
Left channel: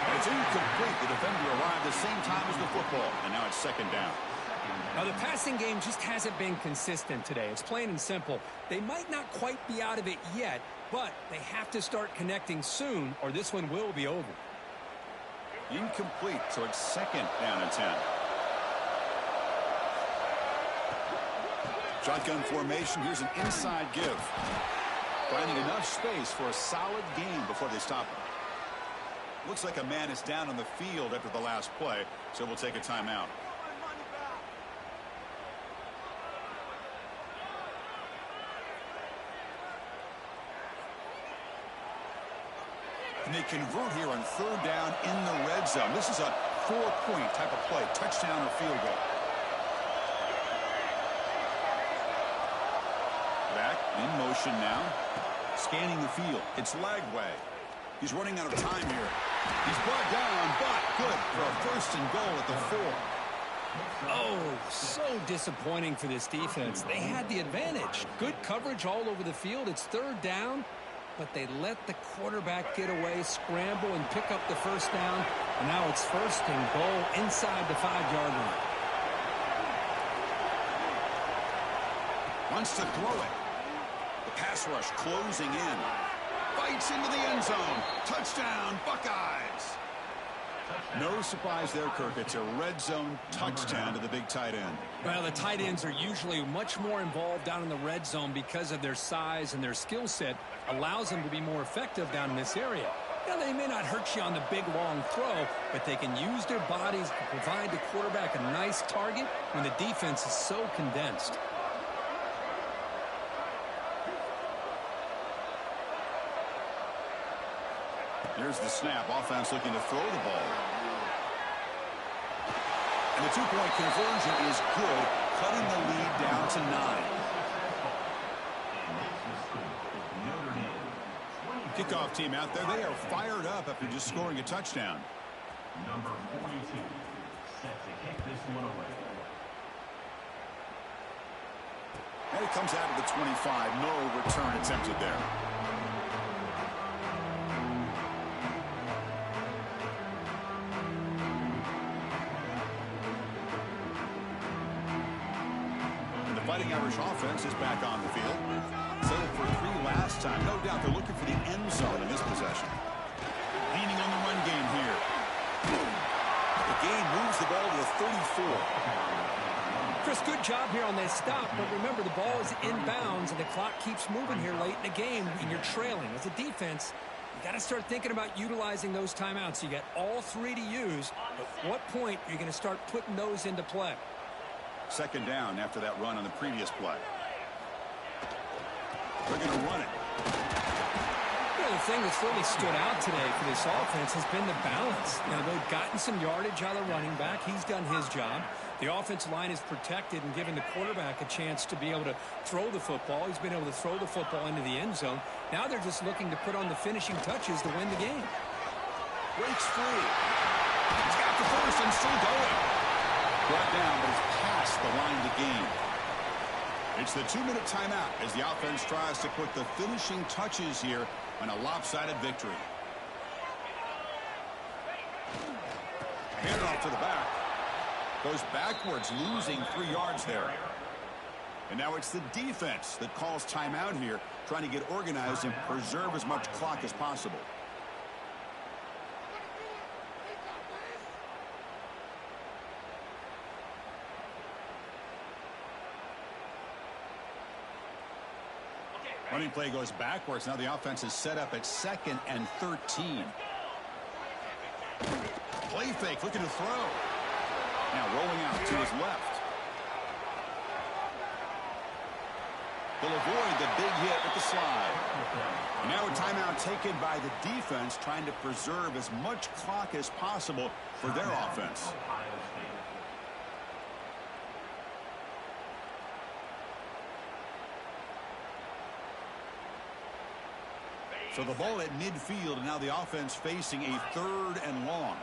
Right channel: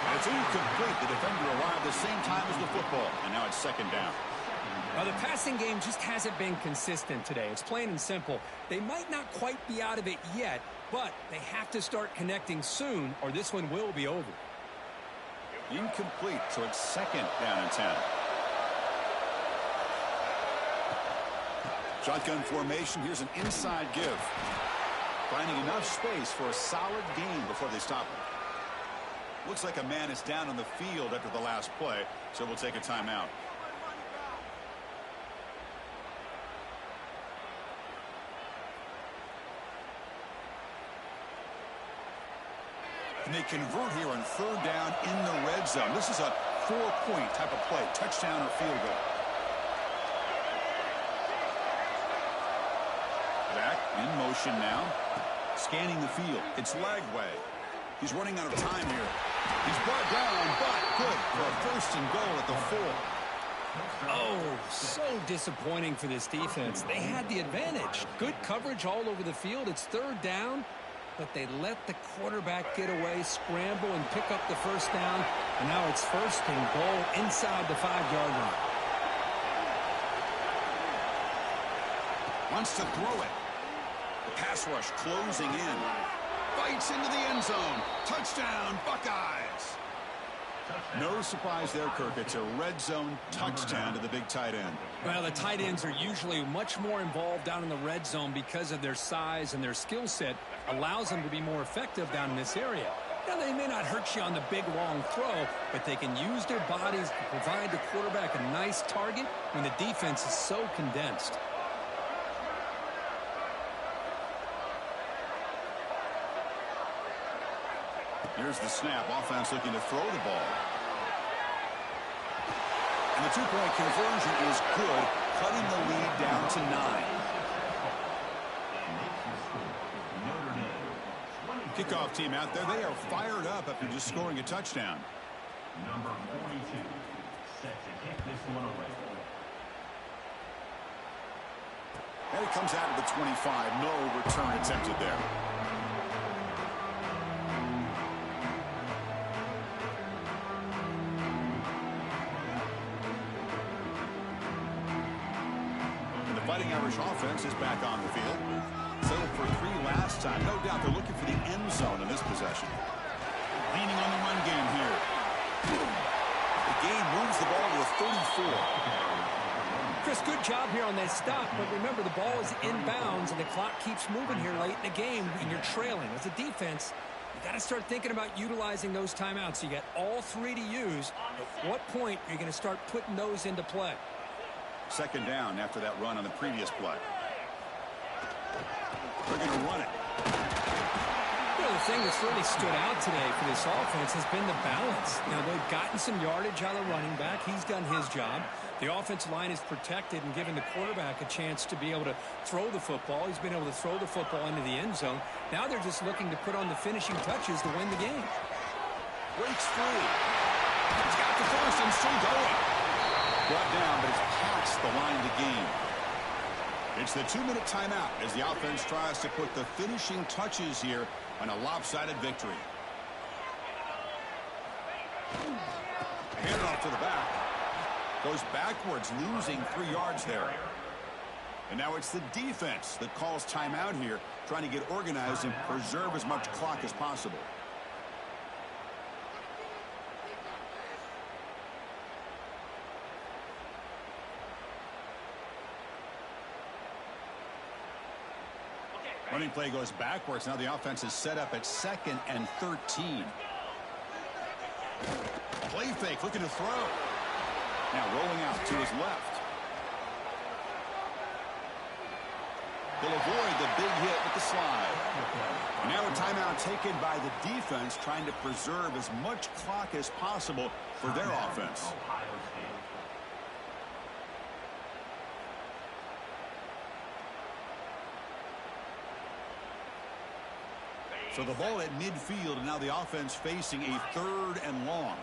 And it's incomplete. The defender arrived the same time as the football. And now it's second down. Now, the passing game just hasn't been consistent today. It's plain and simple. They might not quite be out of it yet, but they have to start connecting soon, or this one will be over. Incomplete, so it's second down and 10. Shotgun formation. Here's an inside give. Finding enough space for a solid gain before they stop him. Looks like a man is down on the field after the last play, so we'll take a timeout. And they convert here on third down in the red zone. This is a 4-point type of play, touchdown or field goal. Back in motion now. Scanning the field. It's Lagway. He's running out of time here. He's brought down, but good for a first and goal at the 4. Oh, so disappointing for this defense. They had the advantage. Good coverage all over the field. It's third down, but they let the quarterback get away, scramble, and pick up the first down. And now it's first and goal inside the 5-yard line. Wants to throw it. The pass rush closing in. Fights into the end zone. Touchdown, Buckeyes. No surprise there, Kirk. It's a red zone touchdown to the big tight end. Well, the tight ends are usually much more involved down in the red zone because of their size and their skill set. Allows them to be more effective down in this area. Now, they may not hurt you on the big, long throw, but they can use their bodies to provide the quarterback a nice target when the defense is so condensed. Here's the snap. Offense looking to throw the ball. And the 2-point conversion is good, cutting the lead down to 9. Kickoff team out there. They are fired up after just scoring a touchdown. Number 42 set to kick this one away. And it comes out of the 25. No return attempted there. Fighting Irish offense is back on the field. Settled for 3 last time. No doubt they're looking for the end zone in this possession. Leaning on the run game here. The game moves the ball to the 34. Chris, good job here on that stop, but remember the ball is inbounds and the clock keeps moving here late in the game and you're trailing. As a defense, you got to start thinking about utilizing those timeouts. You got all 3 to use. At what point are you going to start putting those into play? Second down after that run on the previous play. They're going to run it. You know, the thing that's really stood out today for this offense has been the balance. You know, they've gotten some yardage out of the running back. He's done his job. The offensive line is protected and given the quarterback a chance to be able to throw the football. He's been able to throw the football into the end zone. Now they're just looking to put on the finishing touches to win the game. Breaks free. He's got the first and still going. Brought down, but it's past the line to gain. It's the 2-minute timeout as the offense tries to put the finishing touches here on a lopsided victory. Hand off to the back. Goes backwards, losing 3 yards there. And now it's the defense that calls timeout here, trying to get organized and preserve as much clock as possible. Running play goes backwards. Now the offense is set up at 2nd and 13. Play fake, looking to throw. Now rolling out to his left. He'll avoid the big hit with the slide. And now a timeout taken by the defense, trying to preserve as much clock as possible for their offense. So the ball at midfield, and now the offense facing a 3rd and long.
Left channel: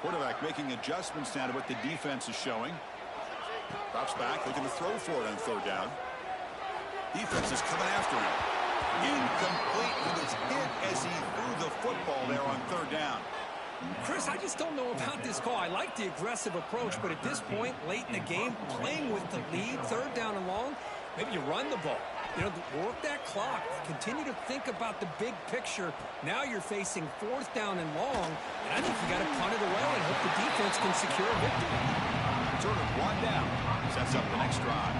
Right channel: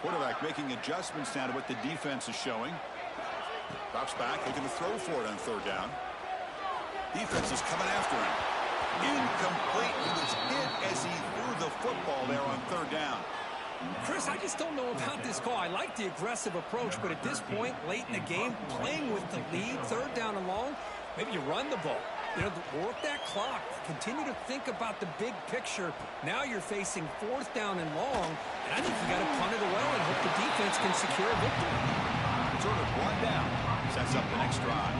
Quarterback making adjustments now to what the defense is showing. Drops back, looking to throw for it on 3rd down. Defense is coming after him. Incomplete. He was hit as he threw the football there on 3rd down. Chris, I just don't know about this call. I like the aggressive approach, but at this point, late in the game, playing with the lead, 3rd down and long, maybe you run the ball. You know, work that clock. Continue to think about the big picture. Now you're facing 4th down and long, and I think you got to punt it away and hope the defense can secure a victory. Sort of brought down. Sets up the next drive.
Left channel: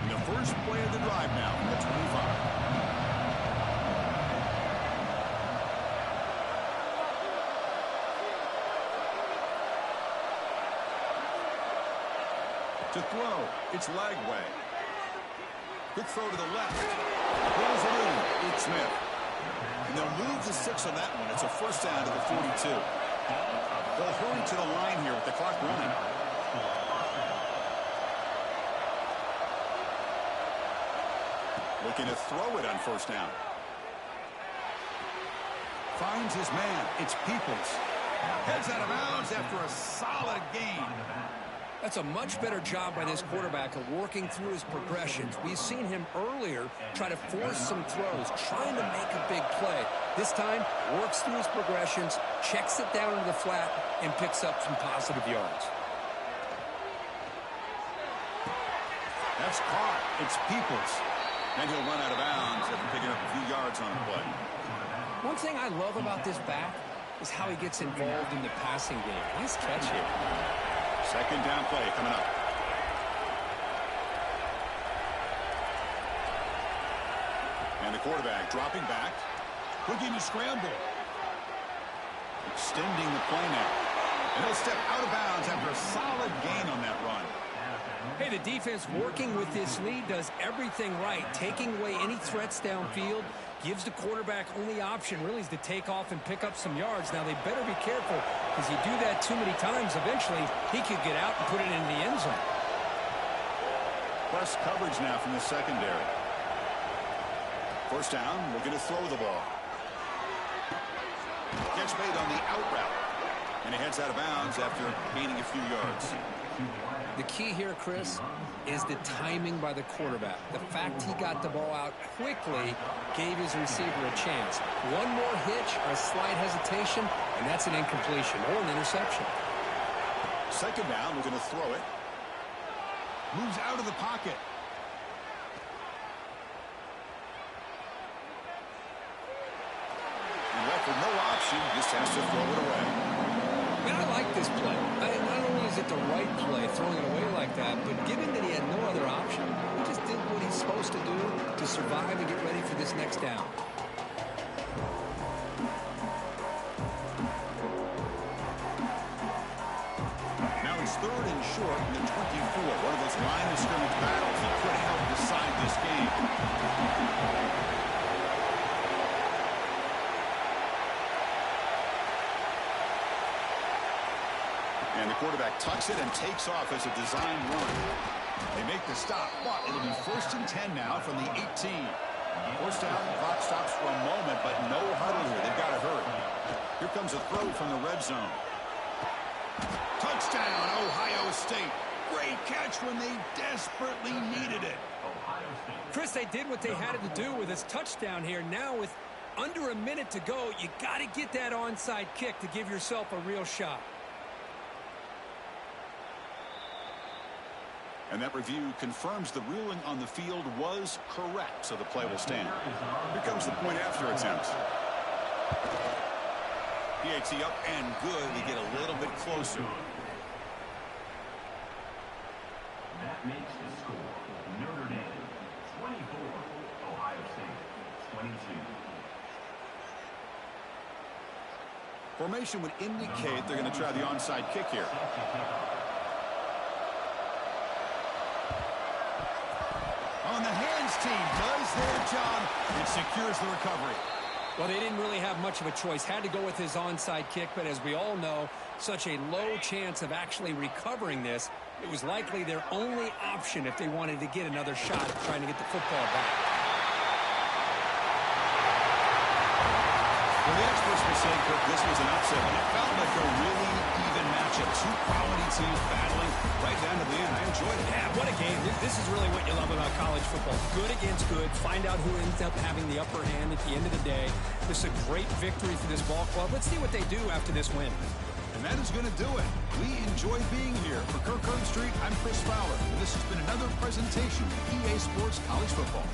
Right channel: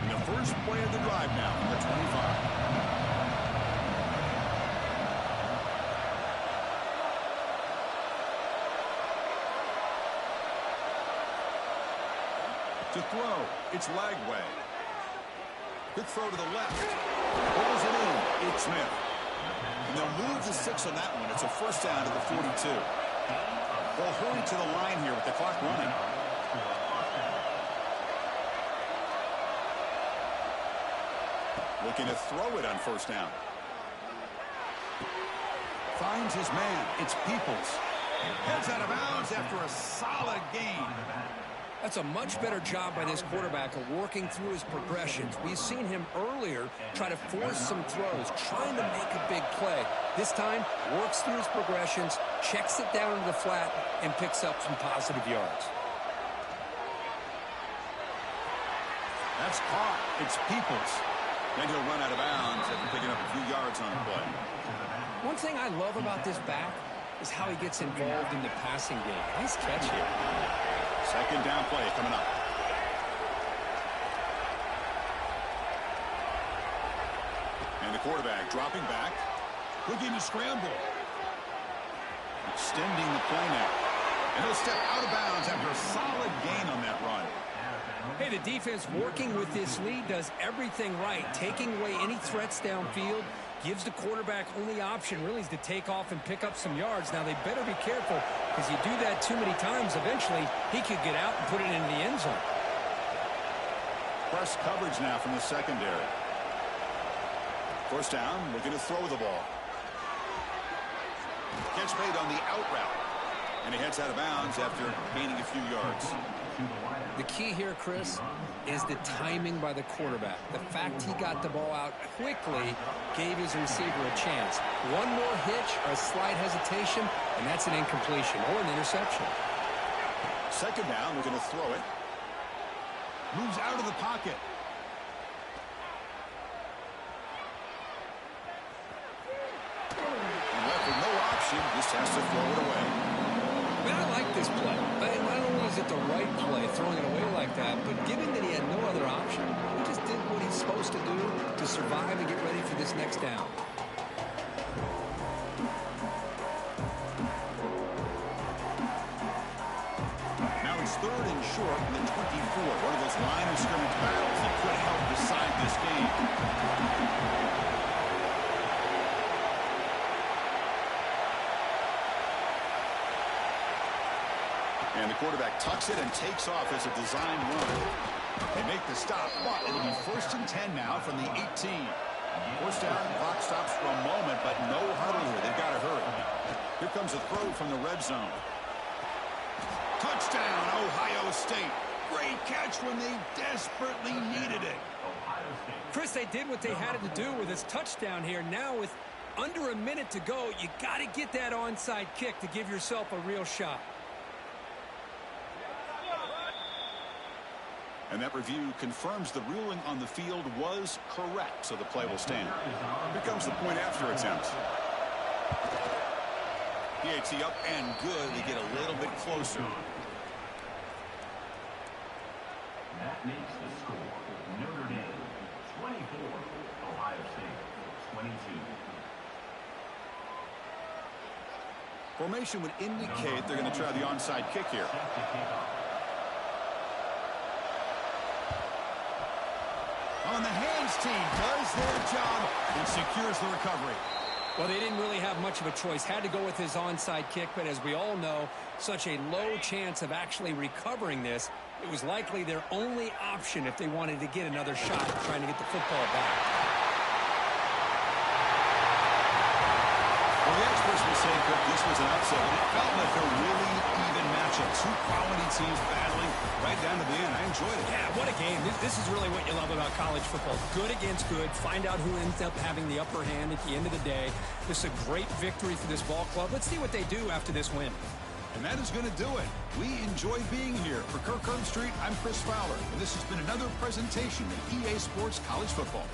And the first play of the drive now from the 25. To throw, it's Lagway. Good throw to the left. Pulls it in. It's Smith. And they'll move the 6 on that one. It's a 1st down to the 42. They'll hurry to the line here with the clock running. Looking to throw it on 1st down. Finds his man. It's Peoples. Heads out of bounds after a solid gain. That's a much better job by this quarterback of working through his progressions. We've seen him earlier try to force some throws, trying to make a big play. This time, works through his progressions, checks it down into the flat, and picks up some positive yards. That's caught. It's Peoples. Then he'll run out of bounds after picking up a few yards on the play. One thing I love about this back is how he gets involved in the passing game. Nice catch here. 2nd down play coming up. And the quarterback dropping back. Looking to scramble. Extending the play now. And he'll step out of bounds after a solid gain on that run. Hey, the defense working with this lead does everything right. Taking away any threats downfield. Gives the quarterback only option really is to take off and pick up some yards. Now they better be careful because you do that too many times, eventually he could get out and put it into the end zone. Press coverage now from the secondary. 1st down, looking to throw the ball. Catch made on the out route. And he heads out of bounds after gaining a few yards. The key here, Chris, is the timing by the quarterback. The fact he got the ball out quickly gave his receiver a chance. One more hitch or a slight hesitation, and that's an incompletion or an interception. Second down, we're going to throw it. Moves out of the pocket. And left with no option, just has to throw it away. I mean, I like this play. Not only is it the right play, throwing it away like that, but given that he had no other option, he just did what he's supposed to do to survive and get ready for this next down. Now it's third and short in the 24. One of those line of scrimmage battles that could help decide this game. And the quarterback tucks it and takes off as a designed run. They make the stop, but it'll be 1st and 10 now from the 18. Forced down, clock stops for a moment, but no huddle here. They've got to hurry. Here comes a throw from the red zone. Touchdown, Ohio State. Great catch when they desperately needed it. Chris, they did what they had to do with his touchdown here. Now with under a minute to go, you got to get that onside kick to give yourself a real shot. And that review confirms the ruling on the field was correct, so the play will stand. Here comes the point after attempt. PAT up and good. They get a little bit closer. That makes the score Notre Dame 24, Ohio State 22. Formation would indicate they're going to try the onside kick here. On the hands team does their job and secures the recovery. Well, they didn't really have much of a choice. Had to go with his onside kick, but as we all know, such a low chance of actually recovering this. It was likely their only option if they wanted to get another shot at trying to get the football back. Well, the experts will say, Kirk, this was an upset, but it felt like a really even matchup. Two quality teams battling right down to the end. I enjoyed it. Yeah, what a game. This is really what you love about college football. Good against good. Find out who ends up having the upper hand at the end of the day. This is a great victory for this ball club. Let's see what they do after this win. And that is going to do it. We enjoy being here. For Kirk Street, I'm Chris Fowler, and this has been another presentation of EA Sports College Football.